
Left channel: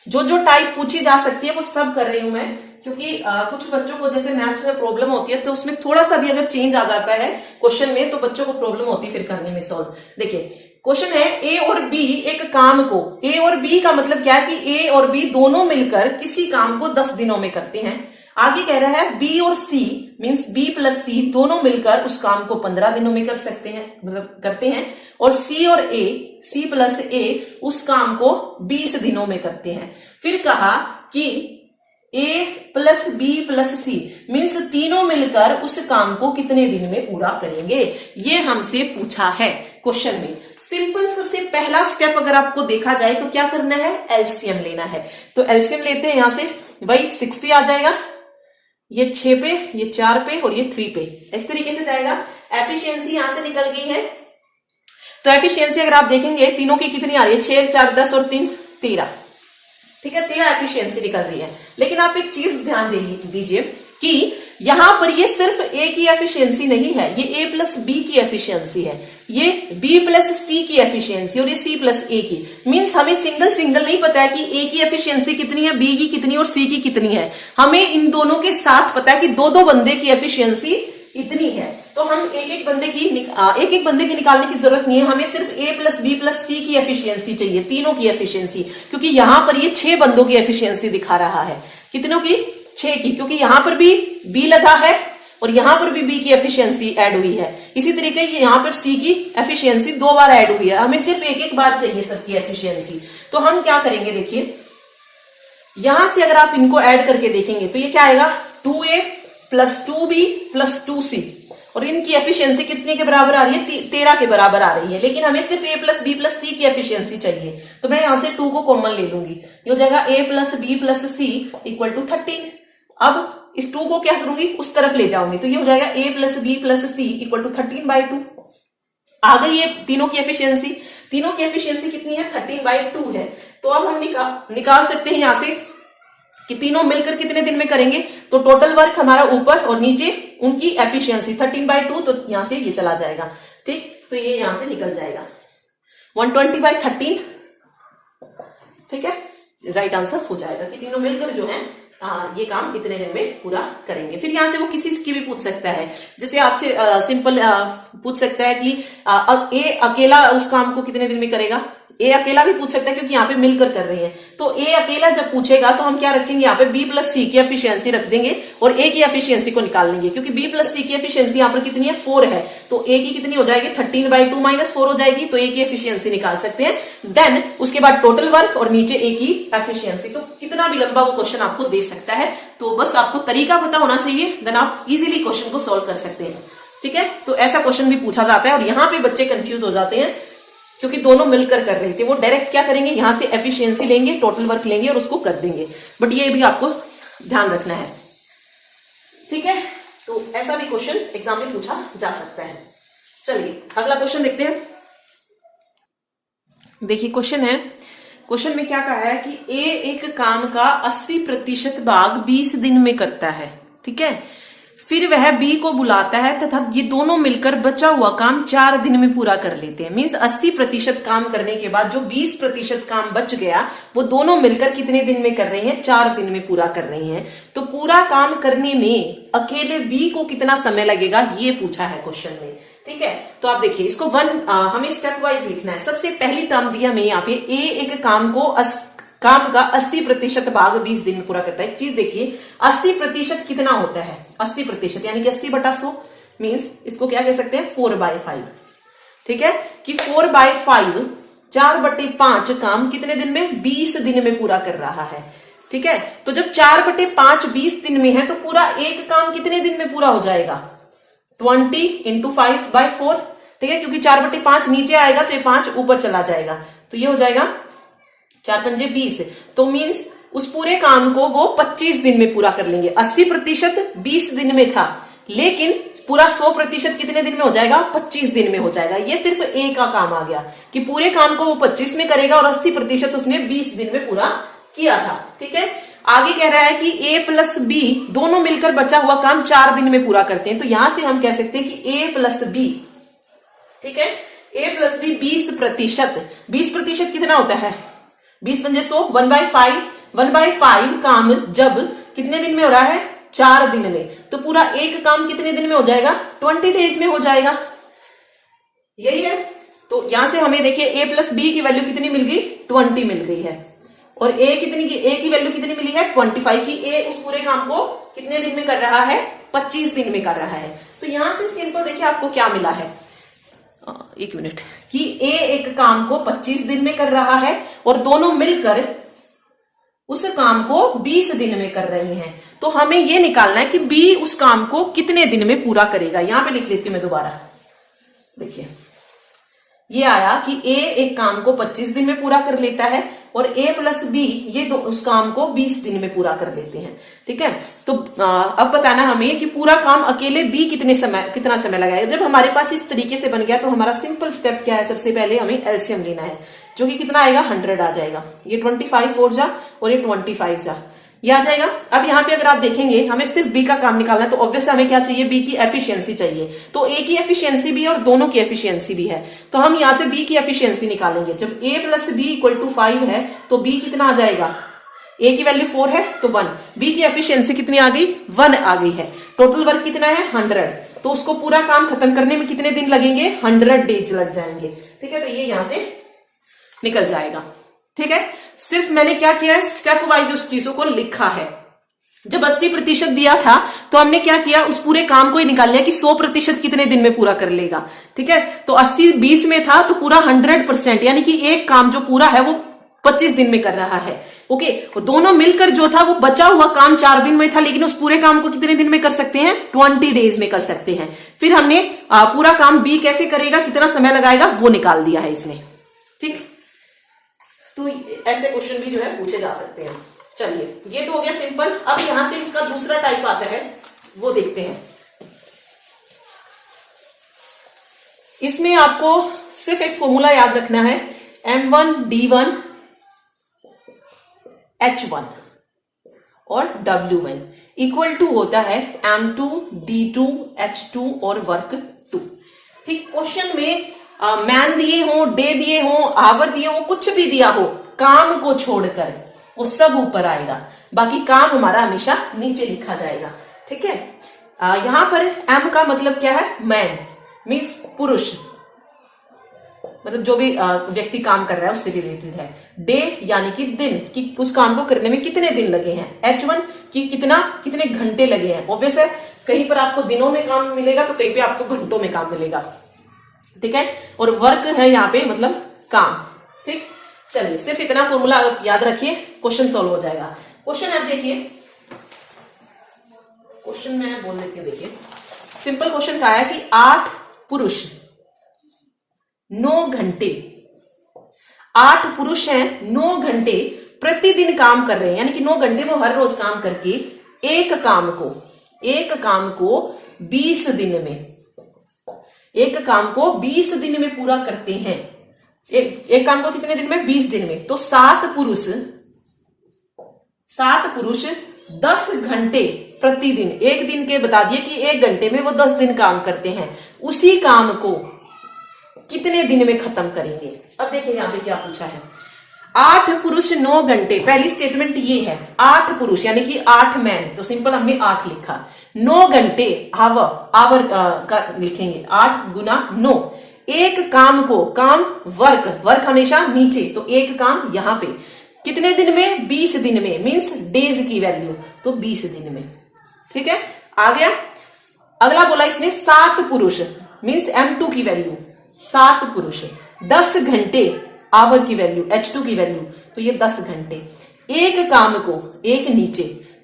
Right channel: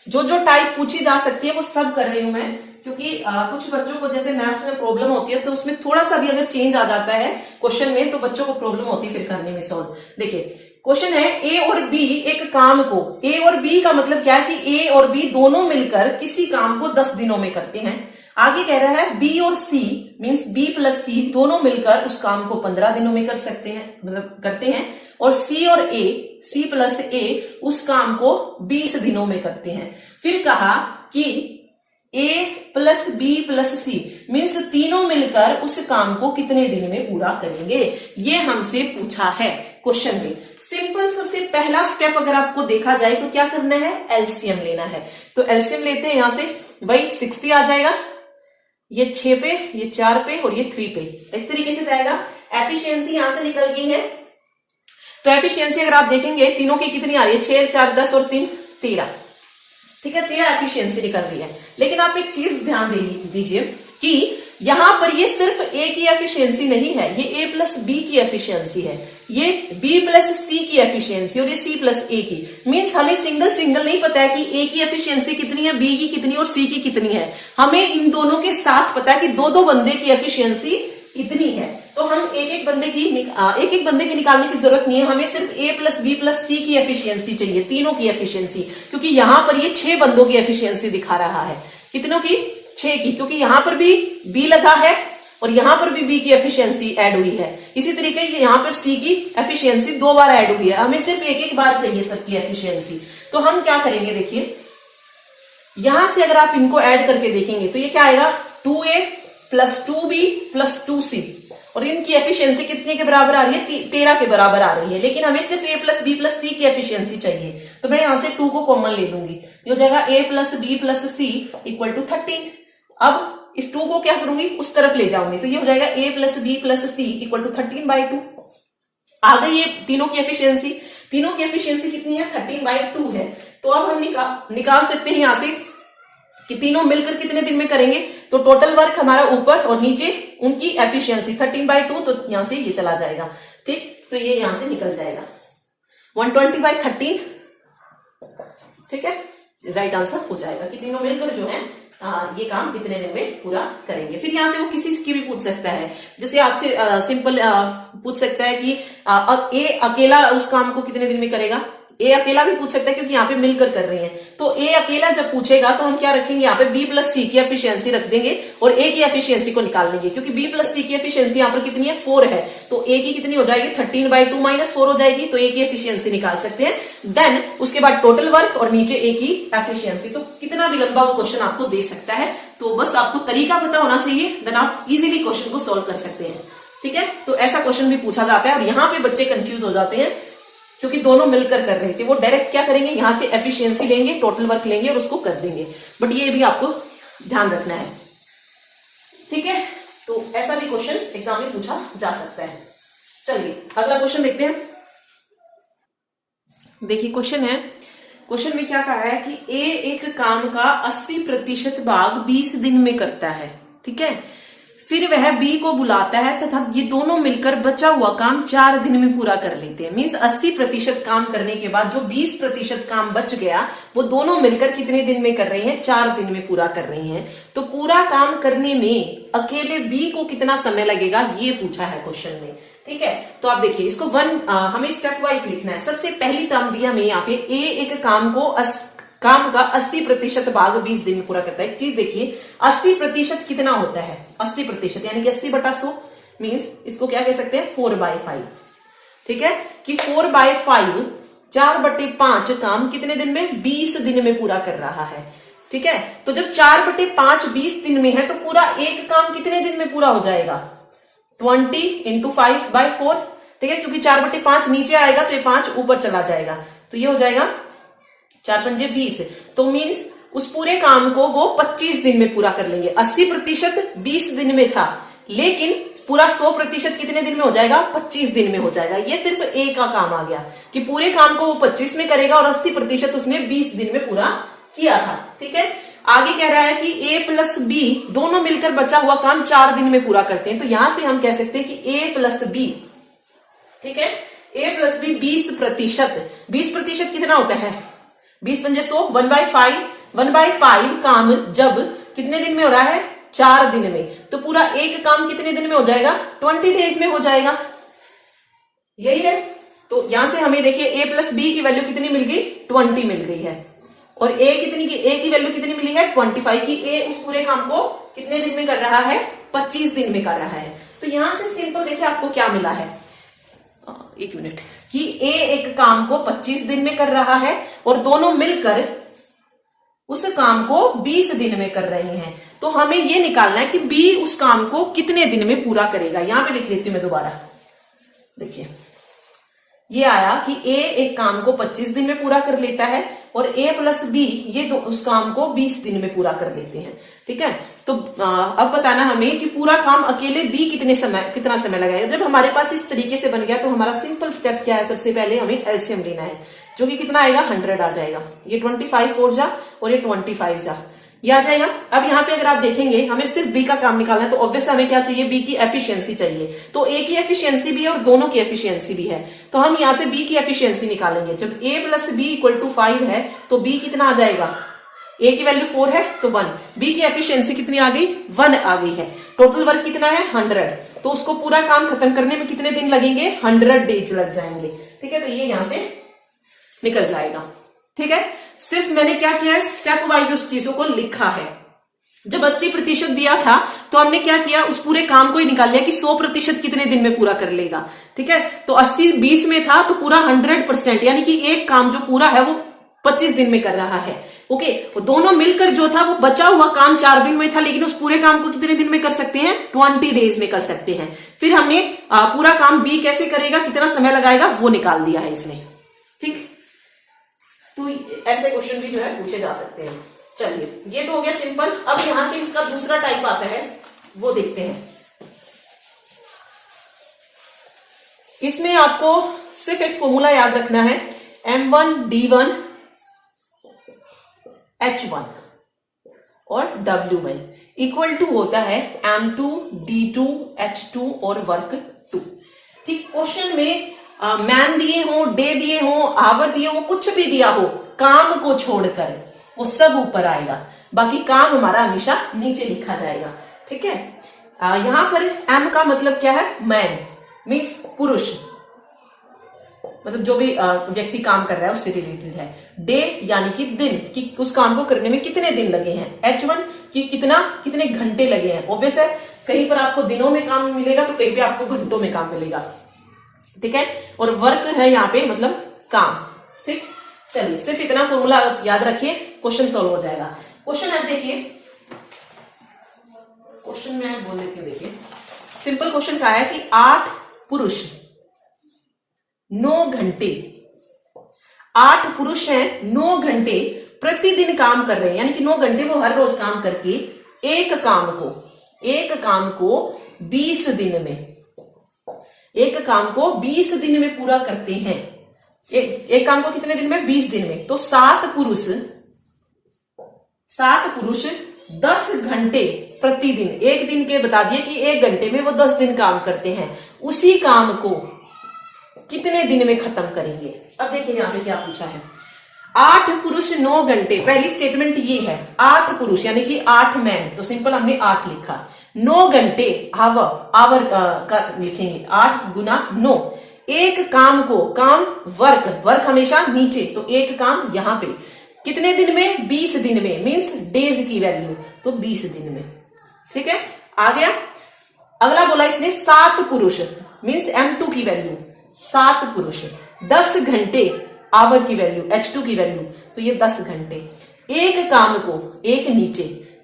जो जो टाइप पूछी जा सकती है वो सब कर रही हूं मैं, क्योंकि कुछ बच्चों को जैसे मैथ्स में प्रॉब्लम होती है तो उसमें थोड़ा सा भी अगर चेंज आ जाता है क्वेश्चन में तो बच्चों को प्रॉब्लम होती है फिर करने में सॉल्व। देखिए क्वेश्चन है ए और बी एक काम को, ए और बी का मतलब क्या है कि ए और बी दोनों मिलकर किसी काम को 10 दिनों में करते हैं। आगे कह रहा है बी और सी मींस बी प्लस सी दोनों मिलकर उस काम को 15 दिनों में कर सकते हैं, मतलब करते हैं, और सी और ए सी प्लस ए उस काम को 20 दिनों में करते हैं। फिर कहा कि A plus B plus C means तीनों मिलकर उस काम को कितने दिन में पूरा करेंगे, ये हमसे पूछा है क्वेश्चन में। सिंपल सबसे पहला स्टेप अगर आपको देखा जाए तो क्या करना है, एलसीएम लेना है। तो एलसीएम लेते हैं, यहां से वही 60 आ जाएगा, ये 6 पे, ये 4 पे और ये 3 पे, इस तरीके से जाएगा। एफिशिएंसी यहां से निकल गई है, तो एफिशिएंसी अगर आप देखेंगे तीनों की कितनी आ रही है, 6 4 10 और 3 13। ठीक है, 13 एफिशिएंसी निकल रही है। लेकिन आप एक चीज ध्यान दीजिए कि यहां पर ये सिर्फ ए की एफिशिएंसी नहीं है, ये ए प्लस बी की एफिशिएंसी है, ये बी प्लस सी की एफिशिएंसी और ये सी प्लस ए की। मींस हमें सिंगल सिंगल नहीं पता है कि ए की एफिशिएंसी कितनी है, बी की कितनी और सी की कितनी है, हमें इन दोनों के साथ पता है कि दो दो बंदे की एफिशिएंसी इतनी है। तो हम एक एक बंदे की निकालने की जरूरत नहीं है, हमें सिर्फ ए प्लस बी प्लस सी की एफिशिएंसी चाहिए, तीनों की एफिशिएंसी, क्योंकि यहां पर ये 6 बंदों की एफिशिएंसी दिखा रहा है, कितनों की, 6 की, क्योंकि यहां पर भी बी लगा है और यहां पर भी बी की एफिशिएंसी ऐड हुई है। इसी तरीके यहां पर सी की एफिशिएंसी 2 बार ऐड हुई है, हमें सिर्फ एक एक बार चाहिए सबकी एफिशिएंसी। तो हम क्या करेंगे, देखिए यहां से अगर आप इनको ऐड करके देखेंगे तो ये क्या आएगा, 2a plus 2b plus 2c, और इनकी एफिशिएंसी कितने के बराबर आ रही है, 13 के बराबर आ रही है, लेकिन हमें सिर्फ a plus B plus C की एफिशिएंसी चाहिए। तो मैं यहां से 2 को कॉमन ले लूंगी, ये हो जाएगा a plus B plus C equal to 13। अब इस 2 को क्या करूंगी, उस तरफ ले जाऊंगी, तो ये हो जाएगा a plus B plus C equal to 13/2। आ गई ये तीनों की एफिशिएंसी, तीनों की एफिशिएंसी कितनी है, 13/2 है। तो अब हम निकाल सकते हैं यहां से कि तीनों मिलकर कितने दिन में करेंगे, तो टोटल वर्क हमारा ऊपर और नीचे उनकी एफिशिएंसी 13/2, तो यहां से ये चला जाएगा। ठीक, तो ये यहां से निकल जाएगा 120/13। ठीक है, राइट आंसर हो जाएगा कि तीनों मिलकर जो है ये काम कितने दिन में पूरा करेंगे। फिर यहां से वो किसी की भी पूछ सकता है, जैसे आपसे सिंपल पूछ सकता है कि अब ए अकेला उस काम को कितने दिन में करेगा, ए अकेला भी पूछ सकता है क्योंकि यहाँ पे मिलकर कर रही हैं। तो ए अकेला जब पूछेगा तो हम क्या रखेंगे, यहाँ पे बी प्लस सी की एफिशिएंसी रख देंगे और ए की एफिशिएंसी को निकाल लेंगे, क्योंकि बी प्लस सी की एफिशिएंसी यहाँ पर कितनी है, 4 है, तो ए की कितनी हो जाएगी, 13/2 माइनस 4 हो जाएगी, तो ए की एफिशिएंसी निकाल सकते हैं। देन उसके बाद टोटल वर्क और नीचे ए की एफिशिएंसी। तो कितना भी लंबा वो क्वेश्चन आपको दे सकता है, तो बस आपको तरीका पता होना चाहिए, देन आप इजिली क्वेश्चन को सोल्व कर सकते हैं। ठीक है, तो ऐसा क्वेश्चन भी पूछा जाता है और यहाँ पे बच्चे कंफ्यूज हो जाते हैं क्योंकि दोनों मिलकर कर रहे थे। वो डायरेक्ट क्या करेंगे, यहां से एफिशिएंसी लेंगे, टोटल वर्क लेंगे और उसको कर देंगे, बट ये भी आपको ध्यान रखना है। ठीक है, तो ऐसा भी क्वेश्चन एग्जाम में पूछा जा सकता है। चलिए अगला क्वेश्चन देखते हैं। देखिए क्वेश्चन है क्वेश्चन में क्या कहा है कि ए एक काम का 80% भाग 20 दिन में करता है, ठीक है। फिर वह बी को बुलाता है तथा ये दोनों मिलकर बचा हुआ काम 4 दिन में पूरा कर लेते हैं। मींस 80% काम करने के बाद जो 20% काम बच गया वो दोनों मिलकर कितने दिन में कर रहे हैं? 4 दिन में पूरा कर रहे हैं। तो पूरा काम करने में अकेले बी को कितना समय लगेगा ये पूछा है क्वेश्चन में, ठीक है। तो आप देखिए इसको हमें स्टेप वाइज लिखना है। सबसे पहली टर्म दी हमें यहाँ पे ए एक काम का 80% भाग 20 दिन में पूरा करता है। एक चीज देखिए 80% कितना होता है? 80% यानी कि 80/100 मीन्स इसको क्या कह सकते हैं? 4/5, ठीक है। कि 4/5 4/5 काम कितने दिन में? 20 दिन में पूरा कर रहा है, ठीक है। तो जब 4/5 20 दिन में है तो पूरा एक काम कितने दिन में पूरा हो जाएगा? 20 × 5/4, ठीक है। क्योंकि 4/5 नीचे आएगा तो ये 5 ऊपर चला जाएगा, तो ये हो जाएगा 4 × 5 = 20। तो मीन्स उस पूरे काम को वो 25 दिन में पूरा कर लेंगे। 80% 20 दिन में था, लेकिन पूरा 100% कितने दिन में हो जाएगा? 25 दिन में हो जाएगा। ये सिर्फ ए का काम आ गया कि पूरे काम को वो 25 में करेगा और 80% उसने 20 दिन में पूरा किया था, ठीक है। आगे कह रहा है कि ए प्लस बी दोनों मिलकर बचा हुआ काम 4 दिन में पूरा करते हैं। तो यहां से हम कह सकते हैं कि ए प्लस बी, ठीक है, ए प्लस बी 20%। 20% कितना होता है? 20 × 100 1/5। 1/5 काम जब कितने दिन में हो रहा है? 4 दिन में। तो पूरा एक काम कितने दिन में हो जाएगा? 20 डेज में हो जाएगा, यही है। तो यहां से हमें देखिए ए प्लस बी की वैल्यू कितनी मिल गई? 20 मिल गई है। और ए की वैल्यू कितनी मिली है? 25 की ए उस पूरे काम को कितने दिन में कर रहा है? 25 दिन में कर रहा है। तो यहां से सिंपल देखिए आपको क्या मिला है, एक मिनट, कि ए एक काम को 25 दिन में कर रहा है और दोनों मिलकर उस काम को 20 दिन में कर रहे हैं। तो हमें यह निकालना है कि बी उस काम को कितने दिन में पूरा करेगा। यहां पे लिख लेती हूं मैं दोबारा, देखिए ये आया कि ए एक काम को 25 दिन में पूरा कर लेता है और ए प्लस बी ये उस काम को 20 दिन में पूरा कर लेते हैं, ठीक है। तो अब बताना हमें कि पूरा काम अकेले बी कितना समय लगाएगा। जब हमारे पास इस तरीके से बन गया तो हमारा सिंपल स्टेप क्या है? सबसे पहले हमें एलसीएम लेना है, जो कि कितना आएगा? 100 आ जाएगा। ये 25 4 जा और ये 25 जा, ये आ जाएगा। अब यहाँ पे अगर आप देखेंगे हमें सिर्फ बी का काम निकालना है, तो ऑब्वियसली हमें क्या चाहिए? बी की एफिशिएंसी चाहिए। तो ए की एफिशिएंसी भी है और दोनों की एफिशिएंसी भी है। तो हम यहां से बी की एफिशिएंसी निकालेंगे। जब ए प्लस बी = 5 है तो बी कितना आ जाएगा? ए की वैल्यू 4 है तो 1। बी की एफिशिएंसी कितनी आ गई? 1 आ गई है। टोटल वर्क कितना है? 100। तो उसको पूरा काम खत्म करने में कितने दिन लगेंगे? 100 डेज लग जाएंगे, ठीक है। तो ये यहां से निकल जाएगा, ठीक है। सिर्फ मैंने क्या किया है? स्टेप वाइज उस चीजों को लिखा है। जब 80% दिया था तो हमने क्या किया? उस पूरे काम को ही निकाल लिया कि 100% कितने दिन में पूरा कर लेगा, ठीक है। तो 80 20 में था तो पूरा 100%, यानी कि एक काम जो पूरा है वो 25 दिन में कर रहा है, ओके। तो दोनों मिलकर जो था वो बचा हुआ काम 4 दिन में था, लेकिन उस पूरे काम को कितने दिन में कर सकते हैं? 20 डेज में कर सकते हैं। फिर हमने पूरा काम बी कैसे करेगा, कितना समय लगाएगा, वो निकाल दिया है इसमें, ठीक। तो ऐसे क्वेश्चन भी जो है पूछे जा सकते हैं। चलिए ये तो हो गया सिंपल। अब यहां से इसका दूसरा टाइप आता है, वो देखते हैं। इसमें आपको सिर्फ एक फॉर्मूला याद रखना है, M1 D1 H1 और W1 = होता है M2 D2 H2 और वर्क 2, ठीक। क्वेश्चन में मैन दिए हो, डे दिए हो, आवर दिए हो, कुछ भी दिया हो, काम को छोड़कर वो सब ऊपर आएगा, बाकी काम हमारा हमेशा नीचे लिखा जाएगा, ठीक है। यहां पर एम का मतलब क्या है? मैन मीन्स पुरुष, मतलब जो भी व्यक्ति काम कर रहा है उससे रिलेटेड है। डे यानी कि दिन, कि उस काम को करने में कितने दिन लगे हैं। H1 कि कितने घंटे लगे हैं। ऑब्वियस है कहीं पर आपको दिनों में काम मिलेगा तो कहीं पे आपको घंटों में काम मिलेगा, ठीक है। और वर्क है यहाँ पे मतलब काम, ठीक। चलिए सिर्फ इतना फॉर्मूला याद रखिए, क्वेश्चन सॉल्व हो जाएगा। क्वेश्चन आप देखिए, क्वेश्चन में बोल देती हूँ, देखिए सिंपल क्वेश्चन का है कि 8 पुरुष 9 घंटे, 8 पुरुष हैं 9 घंटे प्रतिदिन काम कर रहे हैं, यानी कि 9 घंटे वो हर रोज काम करके एक काम को 20 दिन में, एक काम को 20 दिन में पूरा करते हैं। एक काम को कितने दिन में? 20 दिन में। तो 7 पुरुष 10 घंटे प्रतिदिन, एक दिन के बता दिए कि 1 घंटे में वो 10 दिन काम करते हैं, उसी काम को कितने दिन में खत्म करेंगे? अब देखिए यहां पे क्या पूछा है। 8 पुरुष 9 घंटे, पहली स्टेटमेंट ये है 8 पुरुष यानी कि 8 मैन, तो सिंपल हमने 8 लिखा। 9 घंटे आवर का लिखेंगे 8 गुना 9। एक काम को, काम वर्क हमेशा नीचे, तो एक काम यहां पे कितने दिन में? 20 दिन में, मींस डेज की वैल्यू, तो 20 दिन में। ठीक है, आ गया। अगला बोला इसने 7 पुरुष, मींस M2 की वैल्यू, 7 पुरुष 10 घंटे, आवर की वैल्यू, H2 की वैल्यू, तो ये 10 घंटे। एक काम को, एक नीचे,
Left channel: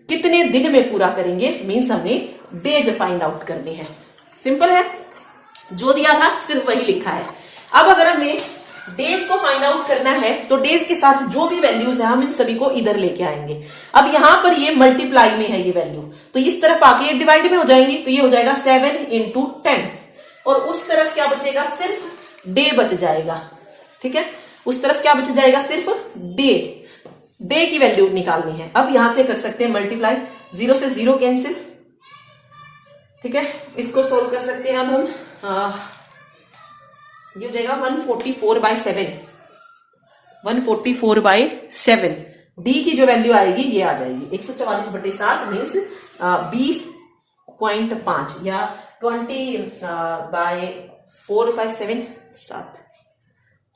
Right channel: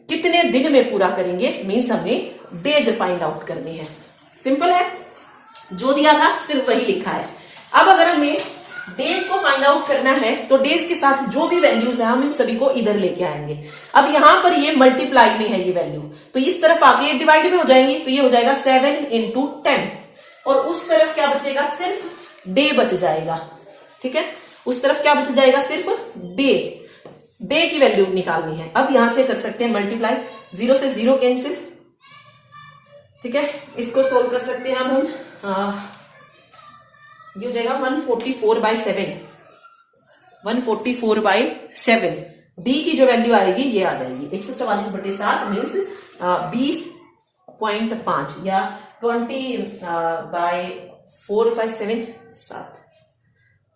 कितने दिन में पूरा करेंगे? मींस हमें डेज फाइंड आउट करने हैं। सिंपल है, जो दिया था सिर्फ वही लिखा है। अब अगर हमें डेज को फाइंड आउट करना है तो डेज के साथ जो भी वैल्यूज है हम इन सभी को इधर लेके आएंगे। अब यहां पर ये मल्टीप्लाई में है ये वैल्यू, तो इस तरफ आके ये डिवाइड में हो जाएंगे, तो ये हो जाएगा 7 × 10, और उस तरफ क्या बचेगा? सिर्फ डे बच जाएगा। ठीक है, उस तरफ क्या बच जाएगा? सिर्फ डे की वैल्यू निकालनी है। अब यहां से कर सकते हैं मल्टीप्लाई, 0 से 0 कैंसिल। ठीक है, इसको सोल्व कर सकते हैं अब हम। ये हो जाएगा 144/7, 144/7। डी की जो वैल्यू आएगी ये आ जाएगी 144/7 मीन्स 20.5 या 20/4/7, 7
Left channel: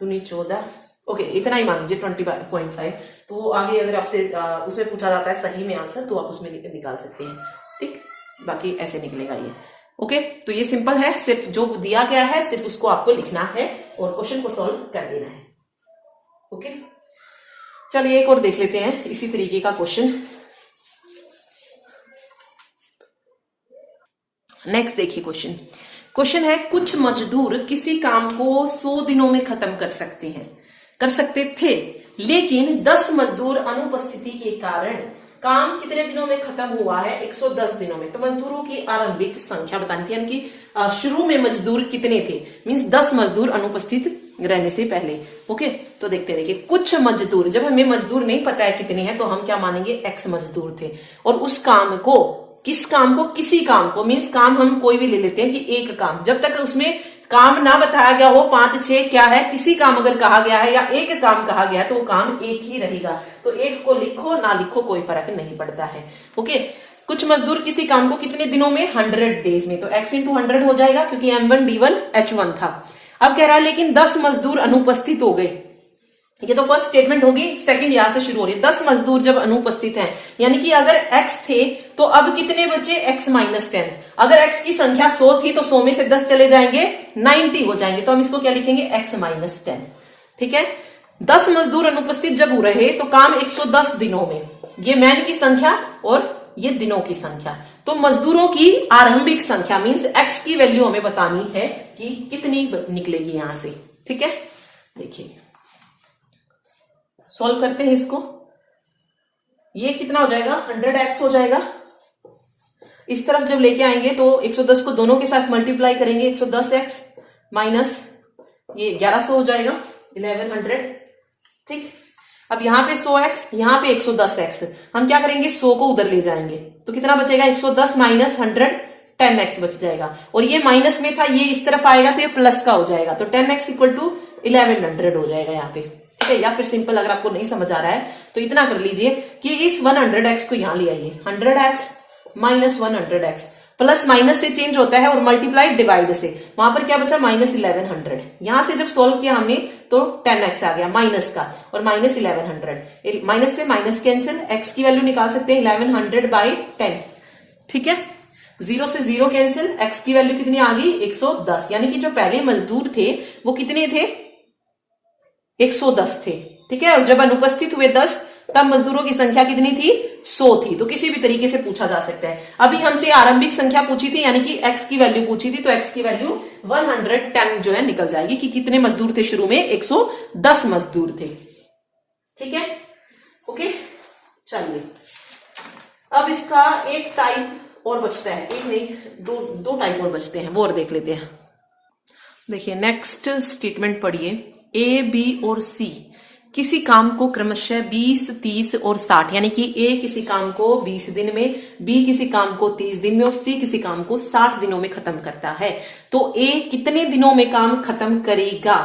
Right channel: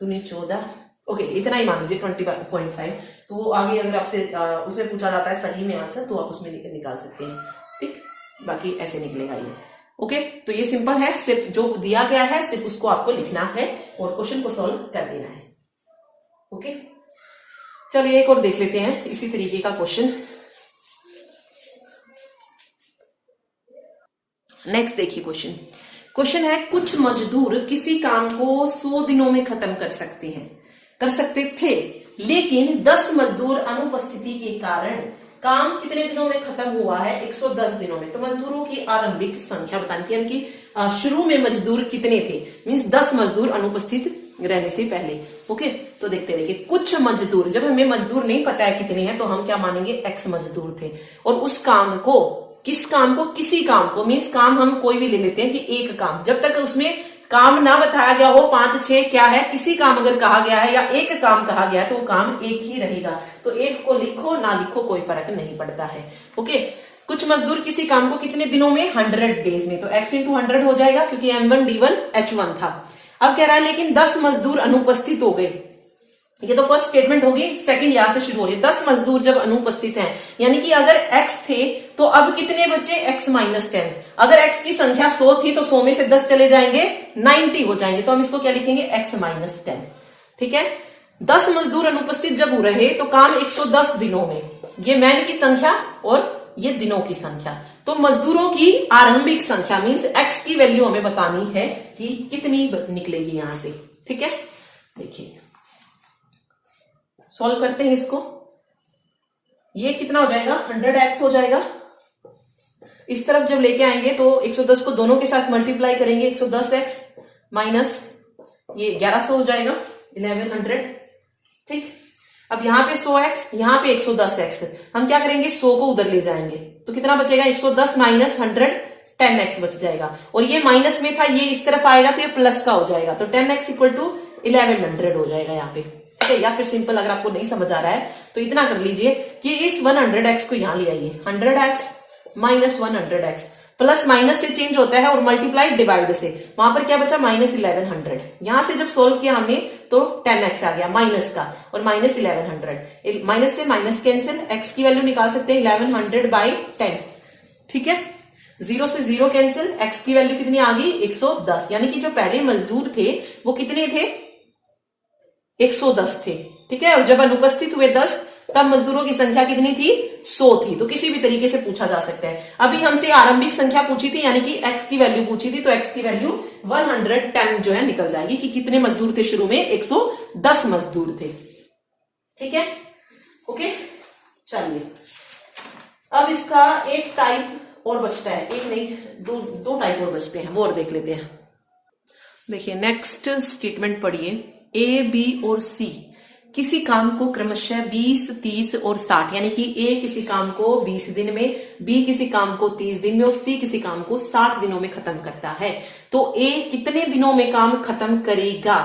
दूनी 14, ओके इतना ही मान लीजिए 20.5। तो वो आगे अगर आपसे उसमें पूछा जाता है सही में आंसर, तो आप उसमें निकाल सकते हैं। ठीक, बाकी ऐसे निकलेगा ये। ओके, तो ये सिंपल है, सिर्फ जो दिया गया है सिर्फ उसको आपको लिखना है और क्वेश्चन को सॉल्व कर देना है। ओके, चलिए एक और देख लेते हैं इसी तरीके का क्वेश्चन। नेक्स्ट देखिए क्वेश्चन है, कुछ मजदूर किसी काम को 100 दिनों में खत्म कर सकते थे, लेकिन 10 मजदूर अनुपस्थिति के कारण काम कितने दिनों में खत्म हुआ है? 110 दिनों में। तो मजदूरों की आरंभिक संख्या बतानी थी, यानी कि शुरू में मजदूर कितने थे, मींस 10 मजदूर अनुपस्थित रहने से पहले। ओके, तो देखिए कुछ मजदूर, जब हमें मजदूर नहीं पता है कितने हैं तो हम क्या मानेंगे? X मजदूर थे, और उस काम को, किस काम को? किसी काम को, मींस काम हम कोई भी ले लेते हैं कि एक काम, जब तक उसमें काम ना बताया गया हो 5 6 क्या है, किसी काम अगर कहा गया है या एक काम कहा गया है तो वो काम एक ही रहेगा। तो एक को लिखो ना लिखो कोई फर्क नहीं पड़ता है। ओके, कुछ मजदूर किसी काम को कितने दिनों में? 100 डेज में, तो x × 100 हो जाएगा क्योंकि M1 D1 H1 था। अब कह रहा है लेकिन 10 मजदूर अनुपस्थित हो गए। ये तो फर्स्ट स्टेटमेंट होगी, सेकंड यहां से शुरू हो रही है। 10 मजदूर जब अनुपस्थित हैं, यानी कि अगर x थे तो अब कितने बचे? x - 10। अगर x की संख्या 100 थी तो 100 में से 10 चले जाएंगे, 90 हो जाएंगे, तो हम इसको क्या लिखेंगे? x - 10। ठीक है, 10 मजदूर अनुपस्थित जब हो रहे तो काम 110 दिनों में, ये मैन की संख्या और ये दिनों की संख्या, तो मजदूरों की आरंभिक संख्या मींस x की वैल्यू हमें बतानी है कि कितनी निकलेगी यहां से। ठीक है, देखिए सॉल्व करते हैं इसको। ये कितना हो जाएगा? 100x हो जाएगा। इस तरफ जब लेके आएंगे तो 110 को दोनों के साथ मल्टीप्लाई करेंगे, 110x माइनस ये 1100 हो जाएगा, 1100। ठीक, अब यहाँ पे 100x, यहाँ पे 110x, हम क्या करेंगे? 100 को उधर ले जाएंगे तो कितना बचेगा? 110 माइनस 100, 10x बच जाएगा, और ये माइनस में था, ये इस तरफ आएगा तो ये प्लस का हो जाएगा, तो 10x = 1100 हो जाएगा यहाँ पे। ठीक है, या फिर सिंपल अगर आपको नहीं समझ आ रहा है तो इतना कर लीजिए कि इस 100x को यहां ले आइए, 100x minus 100x, plus minus से चेंज होता है और मल्टीप्लाई डिवाइड से, वहां पर क्या बचा? माइनस 1100। यहां से जब सोल्व किया हमने तो 10x आ गया माइनस का, और माइनस 1100, माइनस से माइनस कैंसिल, x की वैल्यू निकाल सकते हैं 1100/10। ठीक है, 0 से 0 कैंसिल, x की वैल्यू कितनी आ गई? 110, यानी कि जो पहले मजदूर थे वो कितने थे? 110 थे। ठीक है, और जब अनुपस्थित हुए 10 तब मजदूरों की संख्या कितनी थी? 100 थी। तो किसी भी तरीके से पूछा जा सकता है। अभी हमसे आरंभिक संख्या पूछी थी, यानी कि x की वैल्यू पूछी थी, तो x की वैल्यू 110 जो है निकल जाएगी कि कितने मजदूर थे शुरू में? 110 मजदूर थे। ठीक है, ओके, चलिए अब इसका एक टाइप और बचता है, एक नहीं दो टाइप और बचते हैं, वो और देख लेते हैं। देखिए नेक्स्ट स्टेटमेंट पढ़िए, ए, बी और सी किसी काम को क्रमशः 20, 30 और 60 यानी कि ए किसी काम को 20 दिन में, बी किसी काम को 30 दिन में और सी किसी काम को 60 दिनों में खत्म करता है, तो ए कितने दिनों में काम खत्म करेगा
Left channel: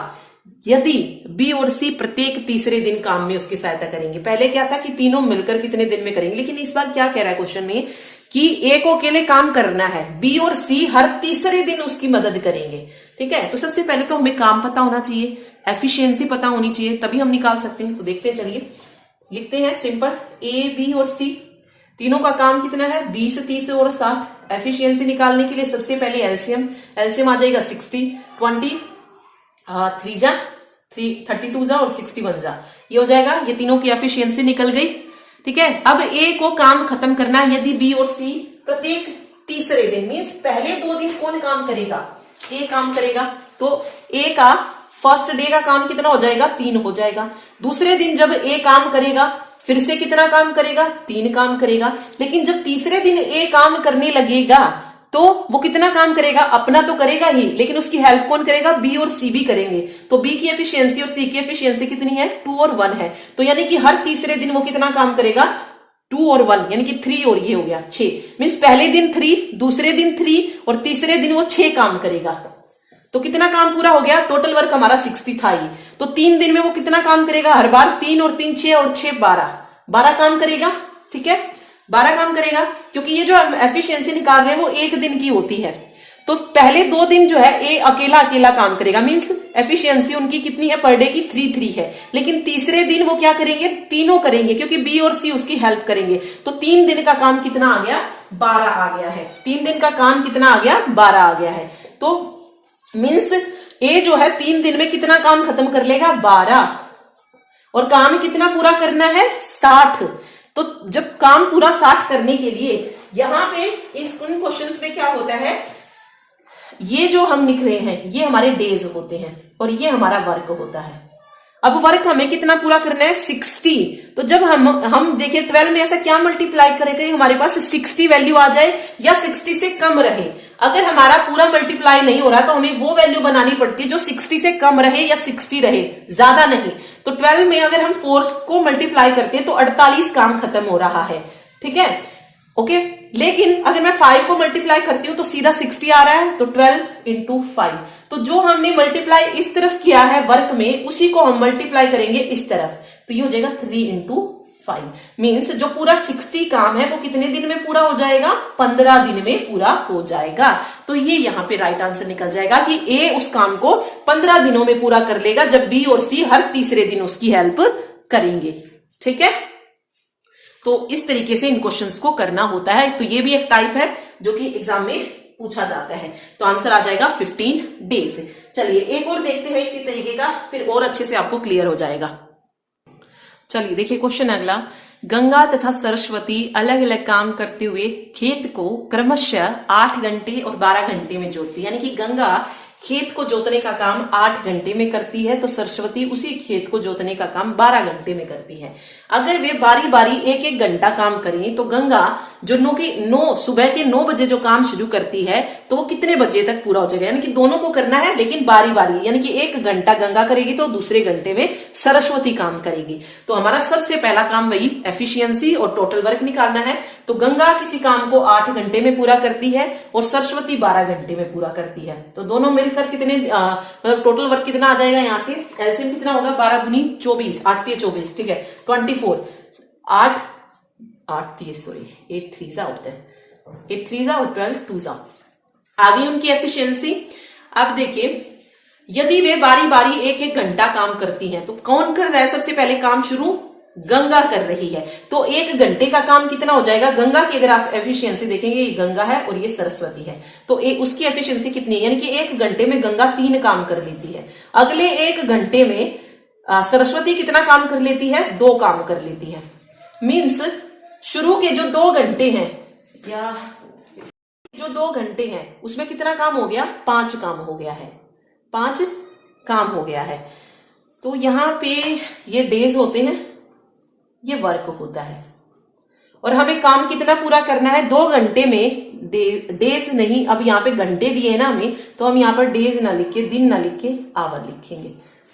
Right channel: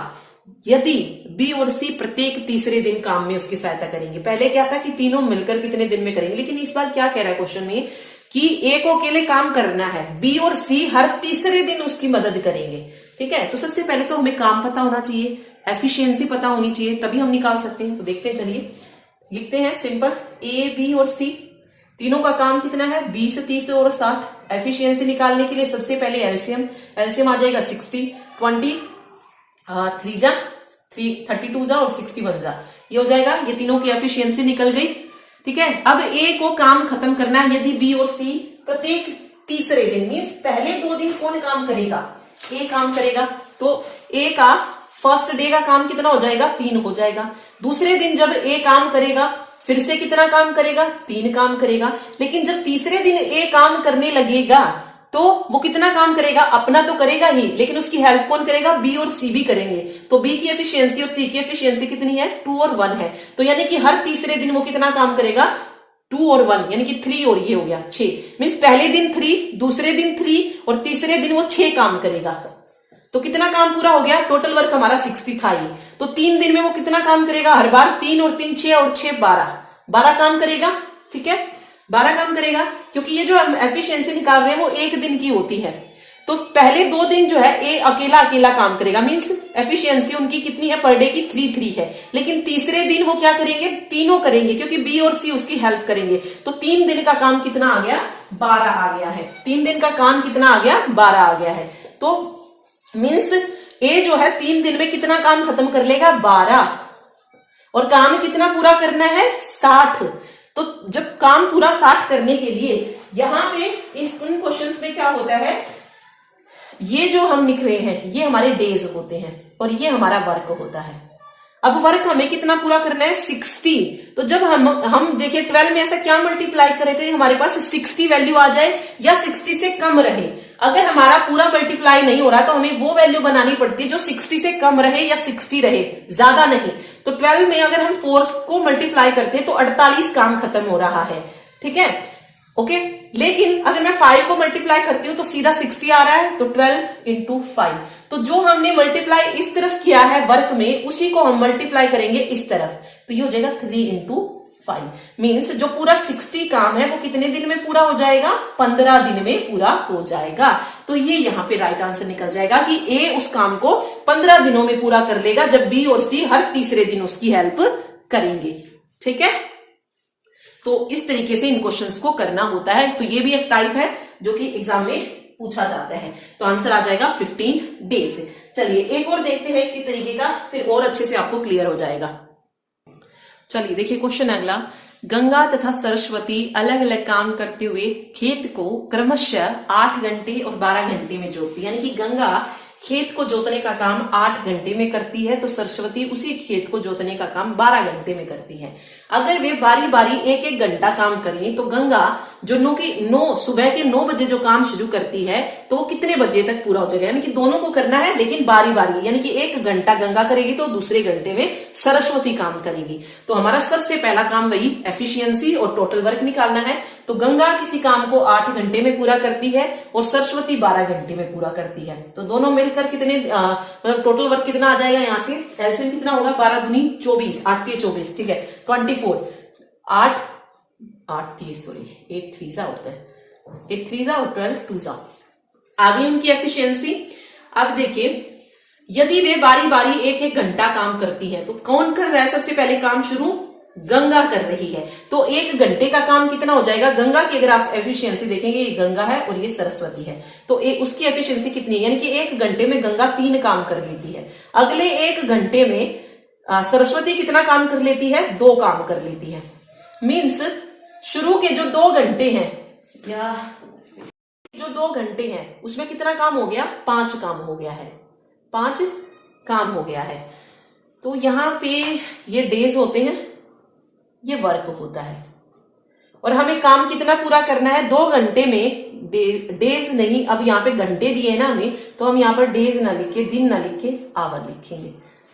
यदि बी और सी प्रत्येक तीसरे दिन काम में उसकी सहायता करेंगे। पहले क्या था कि तीनों मिलकर कितने दिन में करेंगे, लेकिन इस बार क्या कह रहा है क्वेश्चन में कि ए को अकेले काम करना है, बी और सी हर तीसरे दिन उसकी मदद करेंगे। ठीक है, तो सबसे पहले तो हमें काम पता होना चाहिए, एफिशिएंसी पता होनी चाहिए, तभी हम निकाल सकते हैं। तो देखते हैं, चलिए लिखते हैं सिंपल, ए, बी और सी तीनों का काम कितना है 20, 30 और 60। एफिशिएंसी निकालने के लिए सबसे पहले एलसीएम आ जाएगा 60, 20 3 जा 32 जा और 61 जा, ये हो जाएगा। ये तीनों की एफिशिएंसी निकल गई। ठीक है, अब ए को काम खत्म करना है यदि बी और सी प्रत्येक तीसरे दिन, मीन्स पहले 2 दिन कौन काम करेगा, ए काम करेगा, तो ए का फर्स्ट डे का काम कितना हो जाएगा 3 हो जाएगा। दूसरे दिन जब ए काम करेगा फिर से कितना काम करेगा 3 काम करेगा। लेकिन जब तीसरे दिन ए काम करने लगेगा तो वो कितना काम करेगा, अपना तो करेगा ही, लेकिन उसकी हेल्प कौन करेगा, बी और सी भी करेंगे। तो बी की एफिशिएंसी और सी की एफिशिएंसी कितनी है 2 और 1 है, तो यानी कि हर तीसरे दिन वो कितना काम करेगा 2 और 1 यानी कि 3 और ये हो गया 6, मीन्स पहले दिन 3, दूसरे दिन 3 और तीसरे दिन वो 6 काम करेगा। तो कितना काम पूरा हो गया, टोटल वर्क हमारा 60 था ये, तो 3 दिन में वो कितना काम करेगा, हर बार 3 और 3 6 और 6 12 काम करेगा। ठीक है, 12 काम करेगा, क्योंकि ये जो हम एफिशिएंसी निकाल रहे हैं वो 1 दिन की होती है। तो पहले 2 दिन जो है ए अकेला काम करेगा, मीन्स एफिशिएंसी उनकी कितनी है पर डे की 3 है। लेकिन तीसरे दिन वो क्या करेंगे, तीनों करेंगे, क्योंकि बी और सी उसकी हेल्प करेंगे। तो 3 दिन का काम कितना आ गया 12 आ गया है, 3 दिन का काम कितना आ गया 12 आ गया है। तो मीन्स ए जो है 3 दिन में कितना काम खत्म कर लेगा 12, और काम कितना पूरा करना है 60। तो जब काम पूरा 60 करने के लिए यहां पे इन क्वेश्चंस में क्या होता है, ये जो हम लिख रहे हैं ये हमारे डेज होते हैं और ये हमारा वर्क होता है। अब वर्क हमें कितना पूरा करना है 60। तो जब हम देखिए 12 में ऐसा क्या मल्टीप्लाई करेंगे, हमारे पास 60 वैल्यू आ जाए या 60 से कम रहे। अगर हमारा पूरा मल्टीप्लाई नहीं हो रहा तो हमें वो वैल्यू बनानी पड़ती है जो 60 से कम रहे या 60 रहे, ज्यादा नहीं। तो 12 में अगर हम 4 को मल्टीप्लाई करते हैं तो 48 काम खत्म हो रहा है। ठीक है, ओके। लेकिन अगर मैं 5 को मल्टीप्लाई करती हूं तो सीधा 60 आ रहा है, तो 12 इंटू 5। तो जो हमने मल्टीप्लाई इस तरफ किया है वर्क में उसी को हम मल्टीप्लाई करेंगे इस तरफ, तो ये हो जाएगा 3 इंटू 5। मीन्स जो पूरा 60 काम है वो कितने दिन में पूरा हो जाएगा 15 दिन में पूरा हो जाएगा। तो ये यहां पे राइट आंसर निकल जाएगा कि ए उस काम को 15 दिनों में पूरा कर लेगा जब बी और सी हर तीसरे दिन उसकी हेल्प करेंगे। ठीक है, तो इस तरीके से इन क्वेश्चंस को करना होता है। तो ये भी एक टाइप है जो कि एग्जाम में पूछा जाता है। तो आंसर आ जाएगा 15 डेज। चलिए एक और देखते हैं इसी तरीके का, फिर और अच्छे से आपको क्लियर हो जाएगा। चलिए देखिए क्वेश्चन अगला, गंगा तथा सरस्वती अलग अलग काम करते हुए खेत को क्रमशः 8 घंटे और 12 घंटे में जोतती है। यानी कि गंगा खेत को जोतने का काम 8 घंटे में करती है तो सरस्वती उसी खेत को जोतने का काम 12 घंटे में करती है। अगर वे बारी बारी 1-1 घंटा काम करें तो गंगा जो सुबह के 9 बजे जो काम शुरू करती है तो वो कितने बजे तक पूरा हो जाएगा। यानी कि दोनों को करना है लेकिन बारी बारी, यानी कि 1 घंटा गंगा करेगी तो दूसरे घंटे में सरस्वती काम करेगी। तो हमारा सबसे पहला काम वही एफिशिएंसी और टोटल वर्क निकालना है। तो गंगा किसी काम को 8 घंटे में पूरा करती है और सरस्वती 12 घंटे में पूरा करती है। तो दोनों मिलकर कितने मतलब टोटल वर्क कितना आ जाएगा, यहाँ से एलसीएम कितना होगा 12 दूनी 24, 8 3 24, ठीक है 24, 8 30 सॉरी 8 3 जा होता है, 8 3 जा और 12 2 जा। आगे उनकी एफिशिएंसी। अब देखिए यदि वे बारी बारी 1-1 घंटा काम करती हैं तो कौन कर रहा है सबसे पहले काम शुरू, गंगा कर रही है। तो 1 घंटे का काम कितना हो जाएगा, गंगा की अगर आप एफिशिएंसी देखेंगे ये गंगा है और ये सरस्वती है तो उसकी एफिशिएंसी कितनी है, यानी कि 1 घंटे में गंगा 3 काम कर लेती है। अगले 1 घंटे में सरस्वती कितना काम कर लेती है, 2 काम कर लेती है। मीन्स शुरू के जो 2 घंटे हैं या जो 2 घंटे हैं उसमें कितना काम हो गया, 5 काम हो गया है, 5 काम हो गया है। तो यहां पे ये डेज होते हैं, ये वर्क होता है और हमें काम कितना पूरा करना है 2 घंटे में। डेज नहीं, अब यहाँ पे घंटे दिए ना हमें तो हम यहाँ पर डेज ना लिख के दिन ना लिख के आवर लिखेंगे।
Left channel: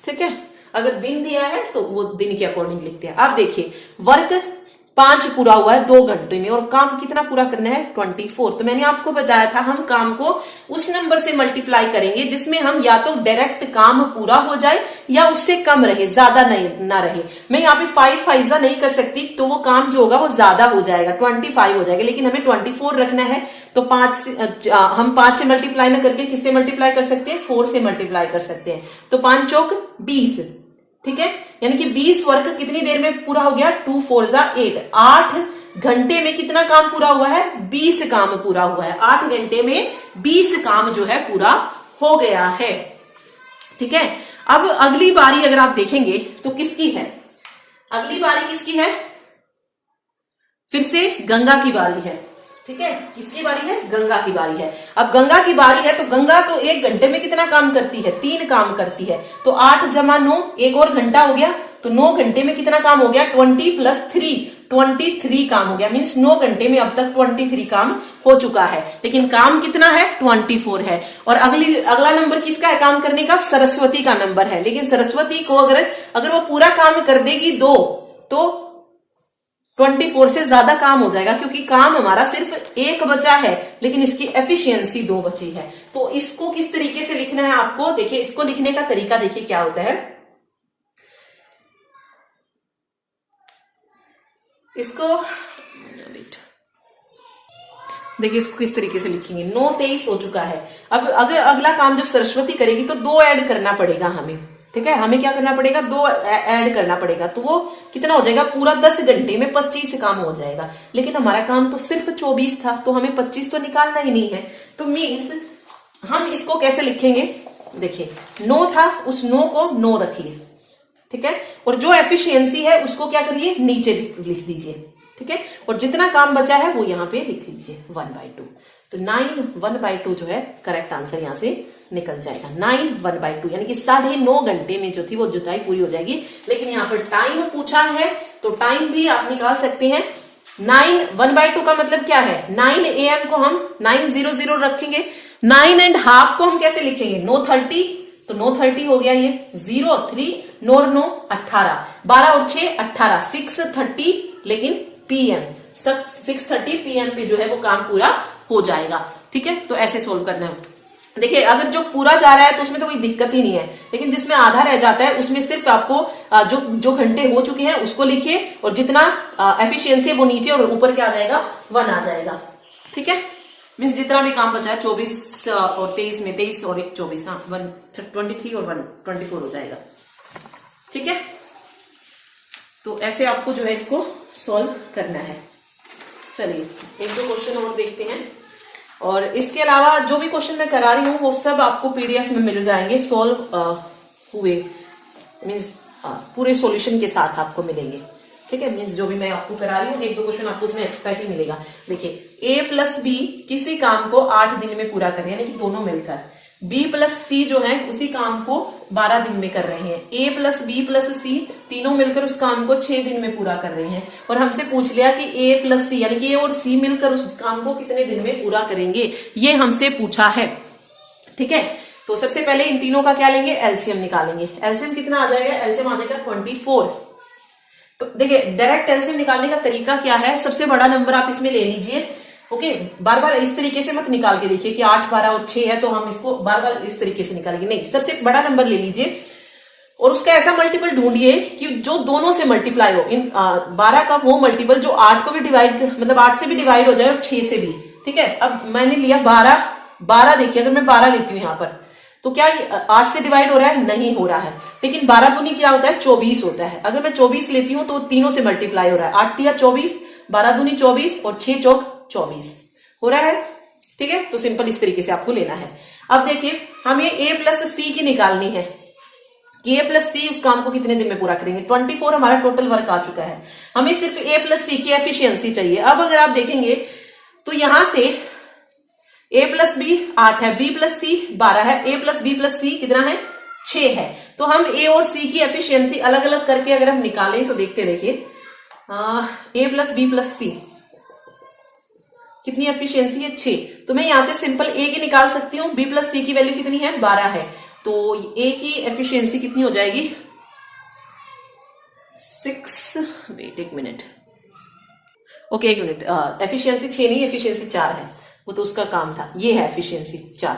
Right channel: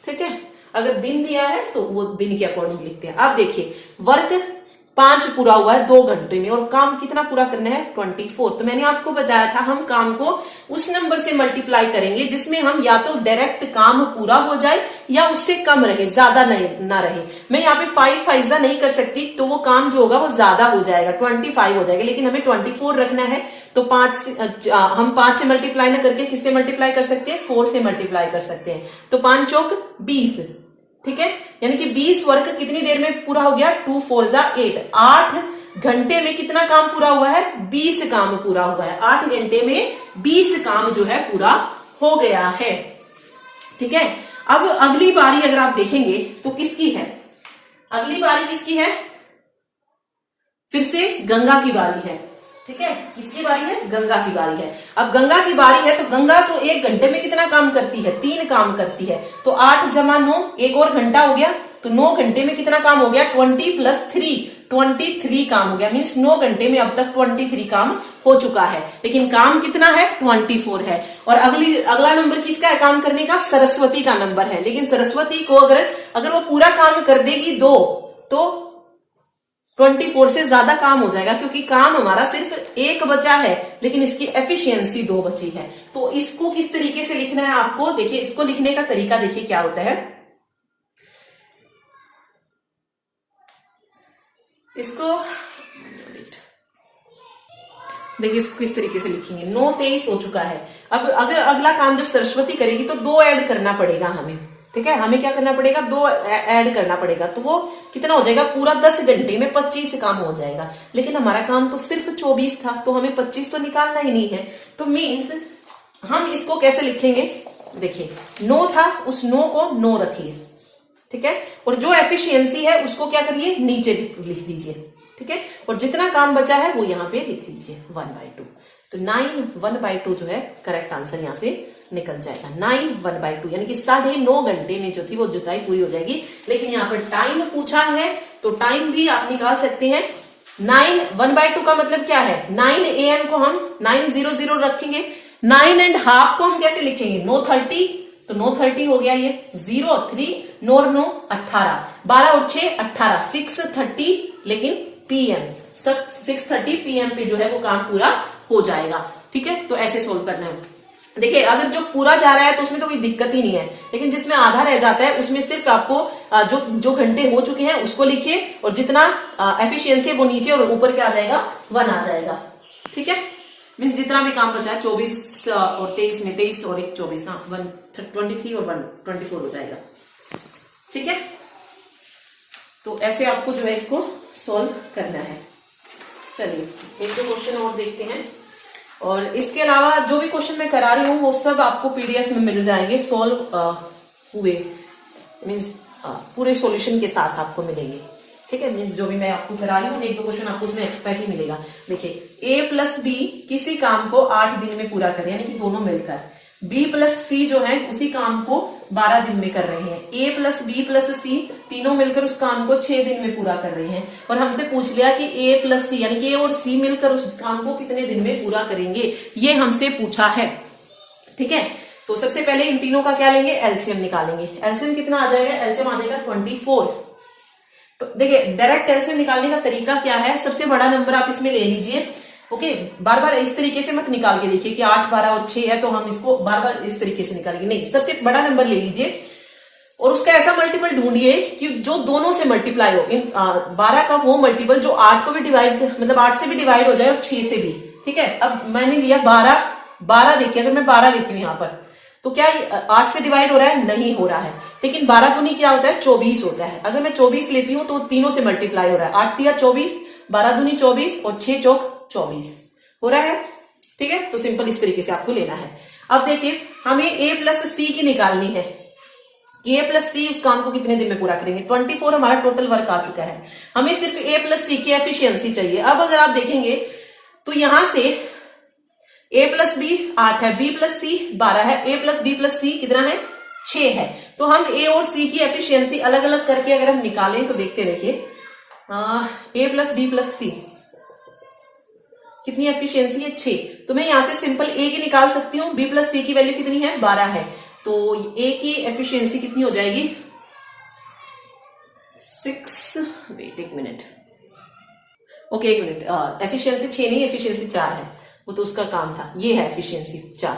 ठीक है, अगर दिन दिया है तो वो दिन के अकॉर्डिंग लिखते हैं। अब देखिए वर्क 5 पूरा हुआ है 2 घंटे में और काम कितना पूरा करना है 24। तो मैंने आपको बताया था हम काम को उस नंबर से मल्टीप्लाई करेंगे जिसमें हम या तो डायरेक्ट काम पूरा हो जाए या उससे कम रहे, ज्यादा ना रहे। मैं यहाँ पे 5 5 नहीं कर सकती तो वो काम जो होगा वो ज्यादा हो जाएगा, 25 हो जाएगा, लेकिन हमें 24 रखना है तो हम 5 से मल्टीप्लाई ना करके किससे मल्टीप्लाई कर सकते हैं, 4 से मल्टीप्लाई कर सकते हैं। तो 5 चौक 20, ठीक है, यानी कि 20 वर्क कितनी देर में पूरा हो गया, 2 4 8, 8 घंटे में कितना काम पूरा हुआ है, 20 काम पूरा हुआ है। 8 घंटे में 20 काम जो है पूरा हो गया है। ठीक है, अब अगली बारी अगर आप देखेंगे तो किसकी है, अगली बारी किसकी है, फिर से गंगा की बारी है। ठीक है, किसकी बारी है, गंगा की बारी है। अब गंगा की बारी है तो गंगा तो 1 घंटे में कितना काम करती है, 3 काम करती है। तो 8 जमा 9, एक और घंटा हो गया, तो 9 घंटे में कितना काम हो गया, 20 + 3, 23 काम हो गया। मीन्स 9 घंटे में अब तक 23 काम हो चुका है, लेकिन काम कितना है, 24 है। और अगला नंबर किसका है काम करने का, सरस्वती का नंबर है। लेकिन सरस्वती को अगर वो पूरा काम कर देगी 2 तो 24 से ज्यादा काम हो जाएगा, क्योंकि काम हमारा सिर्फ 1 बचा है लेकिन इसकी एफिशिएंसी 2 बची है। तो इसको किस तरीके से लिखना है आपको, देखिए इसको लिखने का तरीका देखिए क्या होता है। इसको देखिए इसको किस तरीके से लिखेंगे, 9 23 हो चुका है। अब अगर अगला काम जब सरस्वती करेगी तो 2 ऐड करना पड़ेगा हमें। ठीक है, हमें क्या करना पड़ेगा, 2 ऐड करना पड़ेगा, तो वो कितना हो जाएगा, पूरा 10 घंटे में 25 काम हो जाएगा। लेकिन हमारा काम तो सिर्फ 24 था तो हमें 25 तो निकालना ही नहीं है। तो मीन्स हम इसको कैसे लिखेंगे, देखिए 9 था, उस 9 को 9 रखिए। ठीक है, और जो एफिशिएंसी है उसको क्या करिए, नीचे लिख दीजिए। ठीक है, और जितना काम बचा है वो यहाँ पे लिख लीजिए 1/2। तो 9 1/2 जो है करेक्ट आंसर यहां से निकल जाएगा। 9 1/2 यानी कि 9.5 घंटे में जो थी वो जुताई पूरी हो जाएगी। लेकिन यहाँ पर टाइम पूछा है तो टाइम भी आप निकाल सकते हैं। 9 1/2 का मतलब क्या है, 9 AM को हम 9:00 रखेंगे। 9.5 को हम कैसे लिखेंगे, 9:30, तो 9:30 हो गया ये, 0 3 9 9 18, 12 और 6 18, 6:30 लेकिन PM 6:30 PM पे जो है वो काम पूरा हो जाएगा। ठीक है, तो ऐसे सोल्व करना है। देखिए अगर जो पूरा जा रहा है तो उसमें तो कोई दिक्कत ही नहीं है, लेकिन जिसमें आधा रह जाता है उसमें सिर्फ आपको जो घंटे हो चुके हैं उसको लिखिए और जितना एफिशिएंसी है वो नीचे और ऊपर क्या आ जाएगा, 1 आ जाएगा। ठीक है, मीन्स जितना भी काम बचा है 24 और 23 में 23 और 1 24, हाँ 23 और 1 24 हो जाएगा। ठीक है, तो ऐसे आपको जो है इसको सॉल्व करना है। चलिए 1-2 क्वेश्चन और देखते हैं, और इसके अलावा जो भी क्वेश्चन मैं करा रही हूँ वो सब आपको PDF में मिल जाएंगे, सॉल्व हुए, मीन्स पूरे सॉल्यूशन के साथ आपको मिलेंगे। ठीक है, मीन्स जो भी मैं आपको करा रही हूँ 1-2 क्वेश्चन आपको उसमें एक्स्ट्रा ही मिलेगा। देखिए A + B किसी काम को 8 दिन में पूरा कर रहे हैं, यानी कि दोनों मिलकर। B + C जो है उसी काम को 12 दिन में कर रहे हैं। A + B + C तीनों मिलकर उस काम को 6 दिन में पूरा कर रहे हैं। और हमसे पूछ लिया कि A + C यानी कि A और C मिलकर उस काम को कितने दिन में पूरा करेंगे, ये हमसे पूछा है। ठीक है, तो सबसे पहले इन तीनों का क्या लेंगे, एलसीएम निकालेंगे। एलसीएम कितना आ जाएगा, एलसीएम आ जाएगा 24। तो देखिए डायरेक्ट एलसीएम निकालने का तरीका क्या है, सबसे बड़ा नंबर आप इसमें ले लीजिए। ओके, बार बार इस तरीके से मत निकाल के देखिए कि 8 12 और 6 है तो हम इसको बार बार इस तरीके से निकालेंगे, नहीं, सबसे बड़ा नंबर ले लीजिए और उसका ऐसा मल्टीपल ढूंढिए कि जो दोनों से मल्टीप्लाई हो। इन 12 का वो मल्टीपल जो 8 को भी डिवाइड, मतलब 8 से भी डिवाइड हो जाए और 6 से भी। ठीक है, अब मैंने लिया 12, देखिए अगर मैं 12 लेती हूँ यहाँ पर तो क्या 8 से डिवाइड हो रहा है, नहीं हो रहा है। लेकिन 12 दूनी क्या होता है, 24 होता है। अगर मैं 24 लेती हूँ तो तीनों से मल्टीप्लाई हो रहा है, 8 तिया 24, 12 दूनी 24 और 6 चौक 24 हो रहा है। ठीक है, तो सिंपल इस तरीके से आपको लेना है। अब देखिए हमें A + C की निकालनी है कि A + C उस काम को कितने दिन में पूरा करेंगे। 24 हमारा टोटल वर्क आ चुका है, हमें सिर्फ A + C की एफिशिएंसी चाहिए। अब अगर आप देखेंगे तो यहां से A + B 8 है, B + C 12 है, A + B + C कितना है, 6 है। तो हम A और C की एफिशिएंसी अलग अलग करके अगर हम निकालें तो देखते देखिए A + B + C कितनी एफिशिएंसी है, 6। तो मैं यहां से सिंपल A की निकाल सकती हूँ, B + C की वैल्यू कितनी है, 12 है। तो ए की एफिशिएंसी कितनी हो जाएगी 6, वेट एक मिनट, ओके एक मिनट, एफिशिएंसी 6 नहीं, एफिशिएंसी 4 है, वो तो उसका काम था, ये है एफिशिएंसी 4,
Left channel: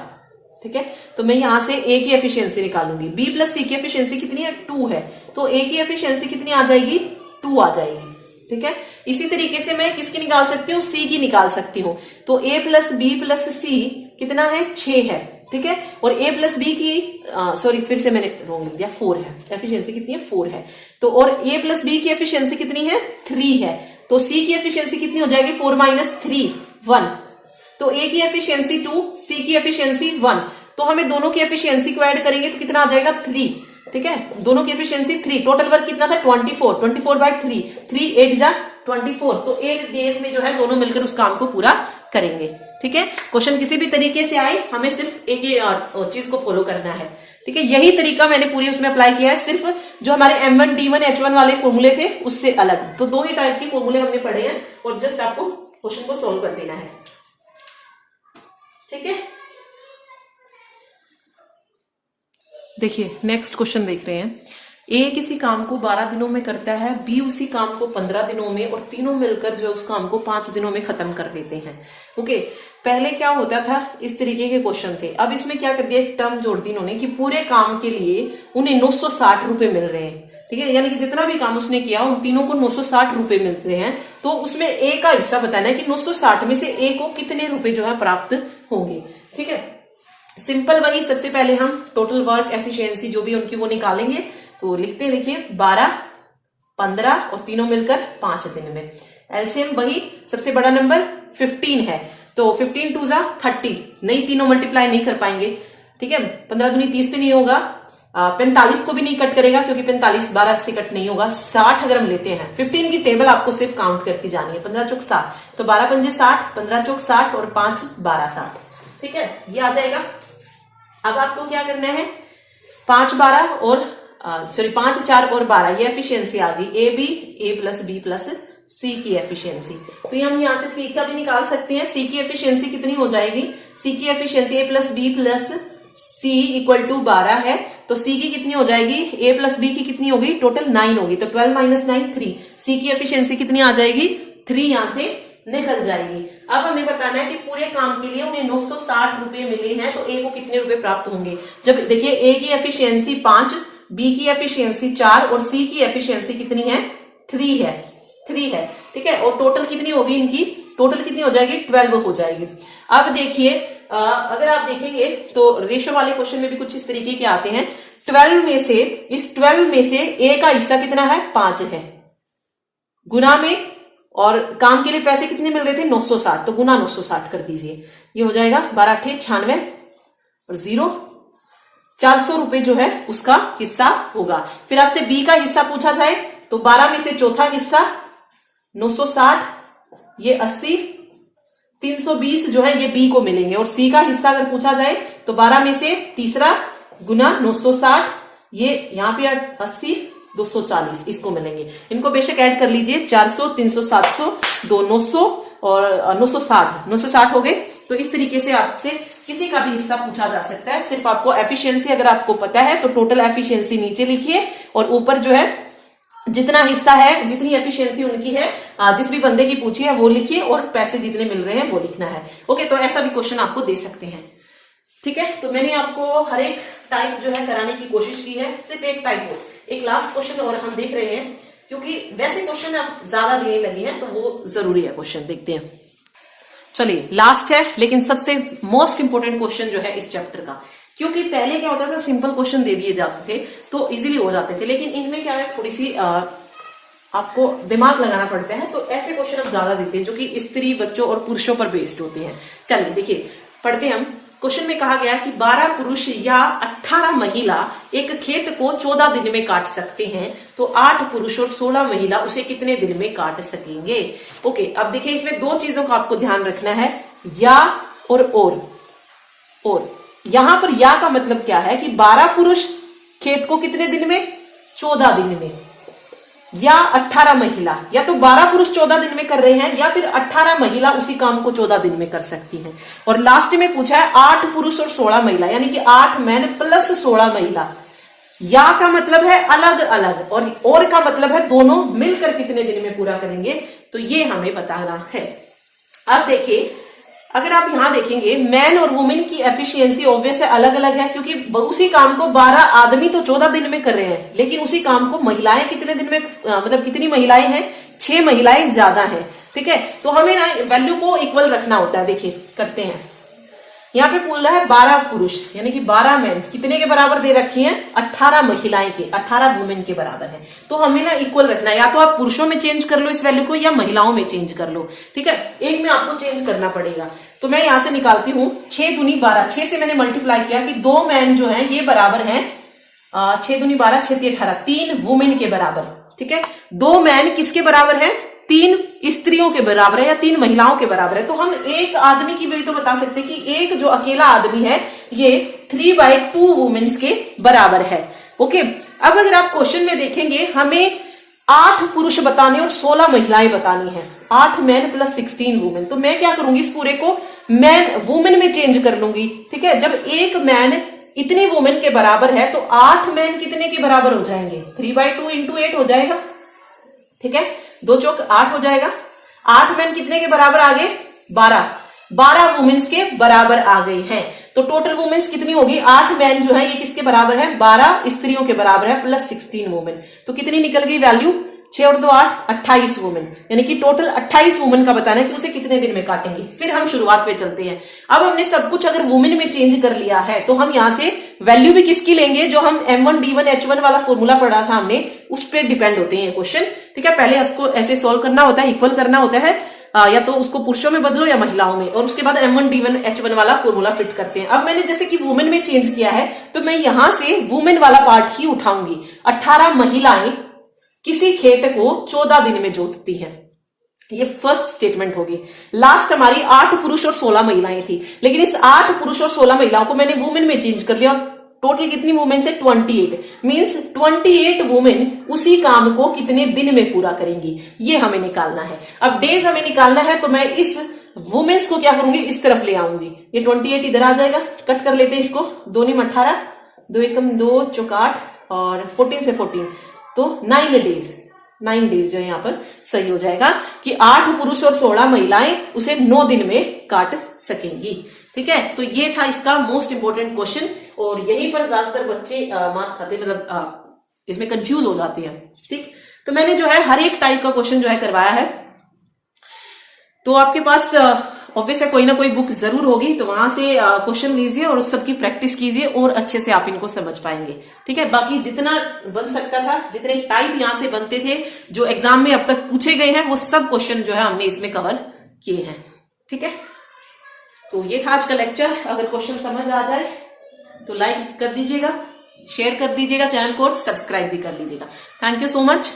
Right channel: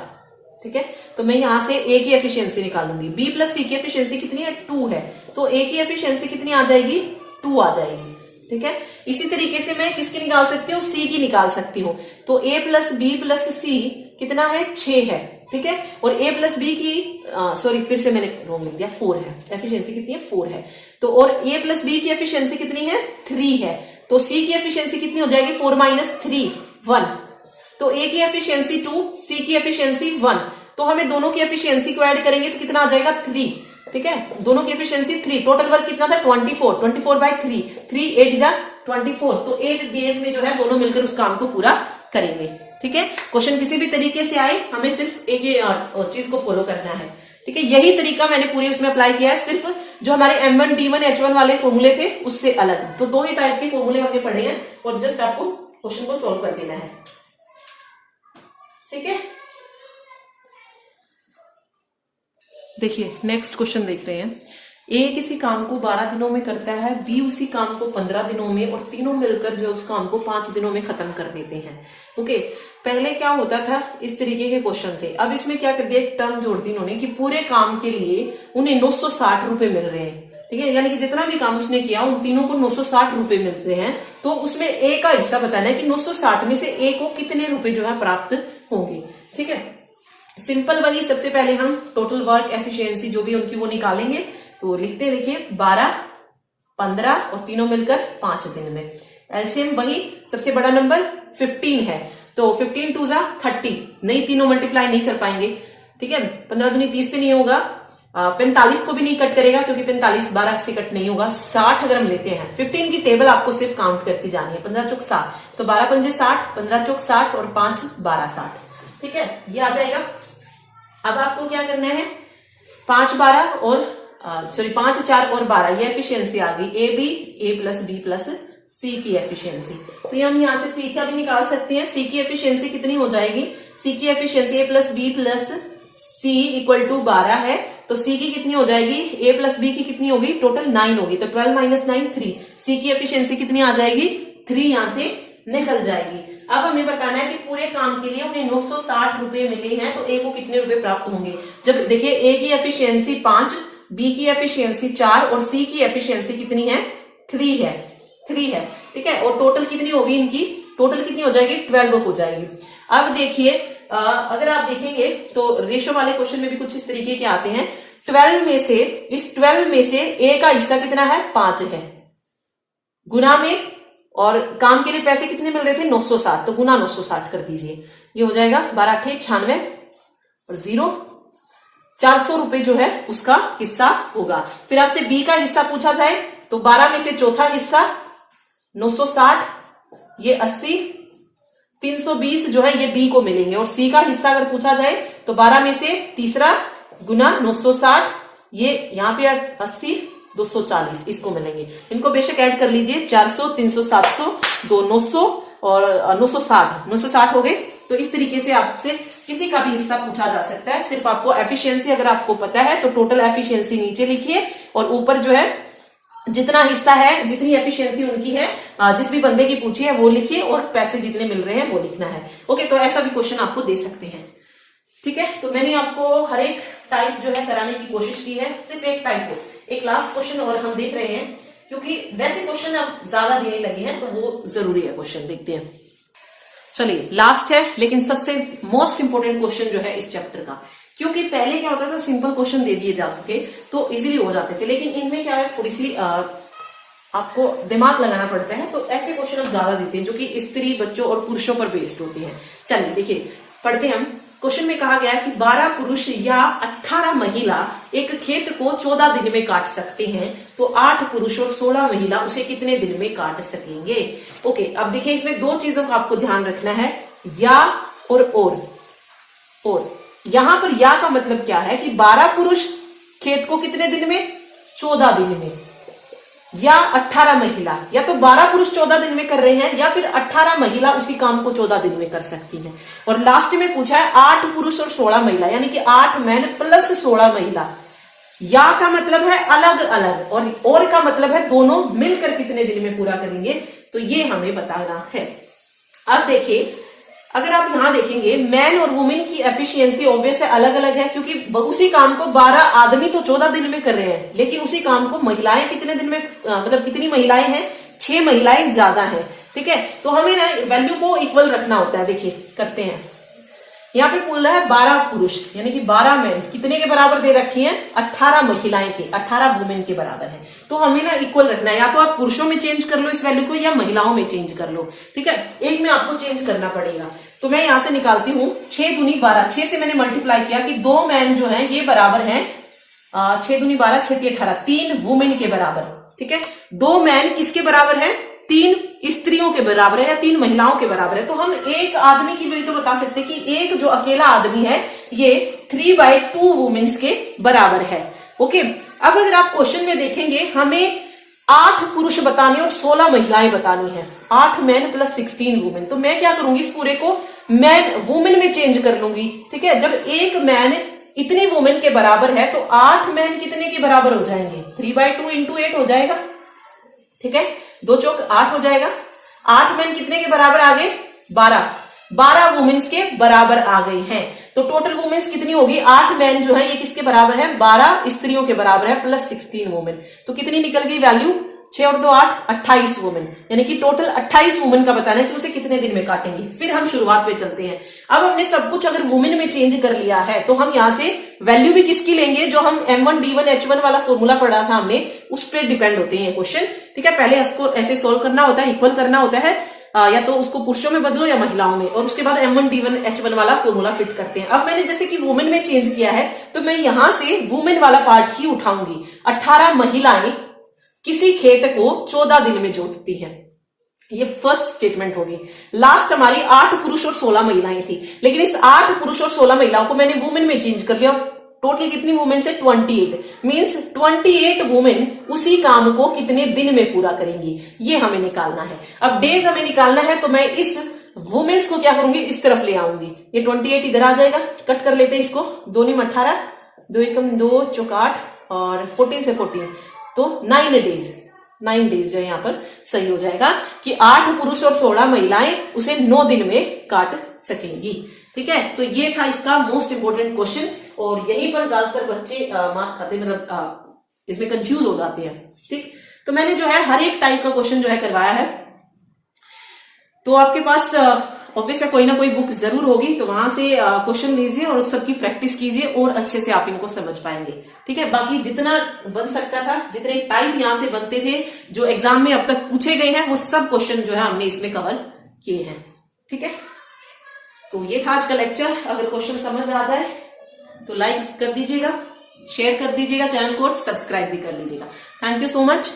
ठीक है। तो मैं यहां से ए की एफिशिएंसी निकालूंगी, बी प्लस सी की एफिशिएंसी कितनी है 2 है, तो ए की एफिशिएंसी कितनी आ जाएगी 2 आ जाएगी, ठीक है। इसी तरीके से मैं किसकी निकाल सकती हूँ, सी की निकाल सकती हूँ। तो ए प्लस बी प्लस सी कितना है 6 है, ठीक है। और ए प्लस बी की सॉरी फिर से मैंने रॉन्ग लिख दिया, 4 है, एफिशिएंसी कितनी है 4 है। तो और ए प्लस बी की एफिशिएंसी कितनी है 3 है, तो सी की एफिशिएंसी कितनी हो जाएगी 4 माइनस 3 1। तो ए की एफिशिएंसी 2, सी की एफिशिएंसी 1, तो हमें दोनों की एफिशिएंसी को ऐड करेंगे तो कितना आ जाएगा 3, ठीक है। दोनों की एफिशिएंसी 3, टोटल वर्क कितना था 24 बाय 3, 3 8 जा 24, तो 8 डेज में जो है दोनों मिलकर उस काम को पूरा करेंगे, ठीक है। क्वेश्चन किसी भी तरीके से आए, हमें सिर्फ एक चीज को फॉलो करना है, ठीक है। यही तरीका मैंने पूरी उसमें अप्लाई किया है, सिर्फ जो हमारे M1 D1 H1 वाले फॉर्मूले थे उससे अलग, तो 2 ही टाइप के फॉर्मूले हमने पढ़े हैं और जस्ट आपको क्वेश्चन को सोल्व कर देना है, ठीक है। देखिए नेक्स्ट क्वेश्चन देख रहे हैं, ए किसी काम को 12 दिनों में करता है, बी उसी काम को 15 दिनों में, और तीनों मिलकर जो उस काम को 5 दिनों में खत्म कर देते हैं। ओके, पहले क्या होता था, इस तरीके के क्वेश्चन थे, अब इसमें क्या कर दिया, एक टर्म जोड़ दी इन्होंने कि पूरे काम के लिए उन्हें 960 रुपए मिल रहे हैं, ठीक है। यानी कि जितना भी काम उसने किया उन तीनों को 960 रुपए मिल रहे हैं, तो उसमें ए का हिस्सा बताना है कि 960 में से ए को कितने रुपए जो है प्राप्त होंगे, ठीक है। सिंपल वही, सबसे पहले हम टोटल वर्क एफिशिएंसी जो भी उनकी वो निकालेंगे, तो लिखते हैं, देखिए 12 15 और तीनों मिलकर 5 दिन में। एलसीएम वही, सबसे बड़ा नंबर 15 है, तो 15 2 जा 30, नहीं तीनों मल्टीप्लाई नहीं कर पाएंगे, ठीक है। 15 दूनी 30 पे नहीं होगा, 45 को भी नहीं कट करेगा क्योंकि 45 12 से कट नहीं होगा। 60 अगर हम लेते हैं, 15 की टेबल आपको सिर्फ काउंट करती जानी है, 15 चौक 60, तो 12 पंजे 60, 15 चौक 60 और 5 12 60, ठीक है, ये आ जाएगा। अब आपको क्या करना है, 5 12 और 5 4 और 12, ये एफिशिएंसी आ गई A B, A plus B plus C की एफिशिएंसी। तो ये हम यहां से सी का भी निकाल सकते हैं, सी की एफिशिएंसी कितनी हो जाएगी, सी की efficiency A plus B plus C equal to 12 है, तो सी की कितनी हो जाएगी, ए प्लस बी की कितनी होगी, टोटल 9 होगी, तो 12 माइनस 9 3, सी की एफिशिएंसी कितनी आ जाएगी 3 यहां से निकल जाएगी। अब हमें बताना है कि पूरे काम के लिए उन्हें 960 रुपए मिले हैं, तो ए को कितने रुपए प्राप्त होंगे। जब देखिए ए की एफिशिएंसी 5, बी की एफिशिएंसी 4 और सी की एफिशिएंसी कितनी है 3 है, 3 है, ठीक है। और टोटल कितनी होगी इनकी, टोटल कितनी हो जाएगी 12 हो जाएगी। अब देखिए अगर आप देखेंगे तो रेशो वाले क्वेश्चन में भी कुछ इस तरीके के आते हैं, 12 में से, इस 12 में से ए का हिस्सा कितना है 5 है, गुना में, और काम के लिए पैसे कितने मिल रहे थे 960, तो गुना 960 कर दीजिए, ये हो जाएगा 12 8 96 और 0, 400 रुपए जो है उसका हिस्सा होगा। फिर आपसे बी का हिस्सा पूछा जाए तो 12 में से चौथा हिस्सा 960, ये 80, 320 जो है ये बी को मिलेंगे, और सी का हिस्सा अगर पूछा जाए तो 12 में से तीसरा गुना 960, ये यहाँ पे 80 240 इसको मिलेंगे। इनको बेशक ऐड कर लीजिए, 400 300 700 2 900 और 960 हो गए। तो इस तरीके से आपसे किसी का भी हिस्सा पूछा जा सकता है। सिर्फ आपको एफिशिएंसी अगर आपको पता है तो टोटल एफिशिएंसी नीचे लिखिए, और ऊपर जो है जितना हिस्सा है, जितनी एफिशिएंसी उनकी है, जिस भी बंदे की पूछी है वो लिखिए, और पैसे जितने मिल रहे हैं वो लिखना है। ओके, तो ऐसा भी क्वेश्चन आपको दे सकते हैं, ठीक है। तो मैंने आपको हर एक टाइप जो है कराने की कोशिश की है, सिर्फ एक टाइप को, एक लास्ट क्वेश्चन और हम देख रहे हैं, क्योंकि वैसे क्वेश्चन अब ज्यादा देने लगे हैं तो वो जरूरी है क्वेश्चन, देखते हैं। चलिए लास्ट है, लेकिन सबसे मोस्ट इंपोर्टेंट क्वेश्चन जो है इस चैप्टर का, क्योंकि पहले क्या होता था सिंपल क्वेश्चन दे दिए जाते थे तो इजीली हो जाते थे, लेकिन इनमें क्या है थोड़ी सी आपको दिमाग लगाना पड़ता है, तो ऐसे क्वेश्चन अब ज्यादा देते हैं जो कि स्त्री, बच्चों और पुरुषों पर बेस्ड होते हैं। चलिए देखिए पढ़ते हैं हम। क्वेश्चन में कहा गया कि 12 पुरुष या 18 महिला एक खेत को 14 दिन में काट सकते हैं, तो 8 पुरुष और 16 महिला उसे कितने दिन में काट सकेंगे। ओके, अब देखिए इसमें 2 चीजों का आपको ध्यान रखना है, या और यहां पर या का मतलब क्या है कि 12 पुरुष खेत को कितने दिन में 14 दिन में, या 18 महिला, या तो 12 पुरुष 14 दिन में कर रहे हैं या फिर 18 महिला उसी काम को 14 दिन में कर सकती हैं। और लास्ट में पूछा है 8 पुरुष और 16 महिला, यानी कि 8 मैन प्लस 16 महिला। या का मतलब है अलग अलग और का मतलब है दोनों मिलकर कितने दिन में पूरा करेंगे, तो ये हमें बताना है। अब देखिए, अगर आप यहां देखेंगे मैन और वुमेन की एफिशिएंसी ऑब्वियस है अलग अलग है, क्योंकि उसी काम को 12 आदमी तो 14 दिन में कर रहे हैं, लेकिन उसी काम को महिलाएं कितने दिन में, मतलब कितनी महिलाएं हैं, 6 महिलाएं ज्यादा हैं। ठीक है, तो हमें ना वैल्यू को इक्वल रखना होता है। देखिए करते हैं, यहाँ पे बोला है 12 पुरुष यानी कि 12 मैन कितने के बराबर दे रखी हैं, 18 महिलाएं के, 18 वुमेन के बराबर है। तो हमें ना इक्वल रखना है, या तो आप पुरुषों में चेंज कर लो इस वैल्यू को या महिलाओं में चेंज कर लो। ठीक है, एक में आपको चेंज करना पड़ेगा। तो मैं यहां से निकालती हूँ 6 दूनी 12, 6 से मैंने मल्टीप्लाई किया कि 2 मैन जो है ये बराबर है 6 दूनी 12, 6 3 18, 3 वुमेन के बराबर। ठीक है, 2 मैन किसके बराबर है, 3 स्त्रियों के बराबर है या 3 महिलाओं के बराबर है। तो हम एक आदमी की वजह तो बता सकते हैं कि एक जो अकेला आदमी है ये 3/2 वुमेन्स के बराबर है। ओके, अब अगर आप क्वेश्चन में देखेंगे हमें 8 पुरुष बताने और 16 महिलाएं बतानी है, 8 मैन प्लस 16 वुमेन। तो मैं क्या करूंगी, इस पूरे को मैन वुमेन में चेंज कर लूंगी। ठीक है, जब एक मैन इतनी वुमेन के बराबर है तो 8 मैन कितने के बराबर हो जाएंगे, 3/2 इंटू 8 हो जाएगा। ठीक है, 2 चौक 8 हो जाएगा। 8 मैन कितने के बराबर आ गए, 12 वुमेन्स के बराबर आ गई हैं। तो टोटल वुमेन्स कितनी होगी, 8 मैन जो है ये किसके बराबर है, 12 स्त्रियों के बराबर है प्लस 16 वुमेन। तो कितनी निकल गई वैल्यू, 6 और 2 8, 28 वुमेन, यानी कि टोटल 28 वुमेन का बताना है कि उसे कितने दिन में काटेंगे। फिर हम शुरुआत पे चलते हैं। अब हमने सब कुछ अगर वुमेन में चेंज कर लिया है तो हम यहाँ से वैल्यू भी किसकी लेंगे, जो हम M1 D1 H1 वाला फॉर्मूला पढ़ा था हमने, उस पर डिपेंड होते हैं क्वेश्चन। ठीक है, पहले उसको ऐसे सोल्व करना होता है, इक्वल करना होता है, या तो उसको पुरुषों में बदलो या महिलाओं में, और उसके बाद M1 D1 H1 वाला फॉर्मूला फिट करते हैं। अब मैंने जैसे कि वुमेन में चेंज किया है तो मैं यहां से वुमेन वाला पार्ट ही उठाऊंगी। 18 महिलाएं किसी खेत को 14 दिन में जोतती हैं, ये फर्स्ट स्टेटमेंट होगी। लास्ट हमारी 8 पुरुष और 16 महिलाएं थी, लेकिन इस 8 पुरुष और 16 महिलाओं को मैंने वुमेन में चेंज कर लिया। टोटल कितनी वुमेन है, 28, मींस 28 वुमेन उसी काम को कितने दिन में पूरा करेंगी, ये हमें निकालना है। अब डेज हमें निकालना है तो मैं इस वुमेन्स को क्या करूंगी, इस तरफ ले आऊंगी। ये 28 इधर आ जाएगा, कट कर लेते हैं इसको, 2 × 18, 2 × 2 = 8 और 14 से 14 तो 9 डेज जो यहाँ पर सही हो जाएगा कि 8 पुरुष और 16 महिलाएं उसे 9 दिन में काट सकेंगी। ठीक है, तो ये था इसका मोस्ट इंपोर्टेंट क्वेश्चन, और यहीं पर ज्यादातर बच्चे मार खाते, मतलब इसमें कंफ्यूज हो जाते हैं। ठीक, तो मैंने जो है हर एक टाइप का क्वेश्चन जो है करवाया है। तो आपके पास ऑब्वियस है कोई ना कोई बुक जरूर होगी, तो वहां से क्वेश्चन लीजिए और सबकी प्रैक्टिस कीजिए और अच्छे से आप इनको समझ पाएंगे। ठीक है, बाकी जितना बन सकता था, जितने टाइप यहां से बनते थे जो एग्जाम में अब तक पूछे गए हैं, वो सब क्वेश्चन जो है हमने इसमें कवर किए हैं। ठीक है, तो ये था आज का लेक्चर। अगर क्वेश्चन समझ आ जाए तो लाइक कर दीजिएगा, शेयर कर दीजिएगा चैनल को, सब्सक्राइब भी कर लीजिएगा। Thank you so much.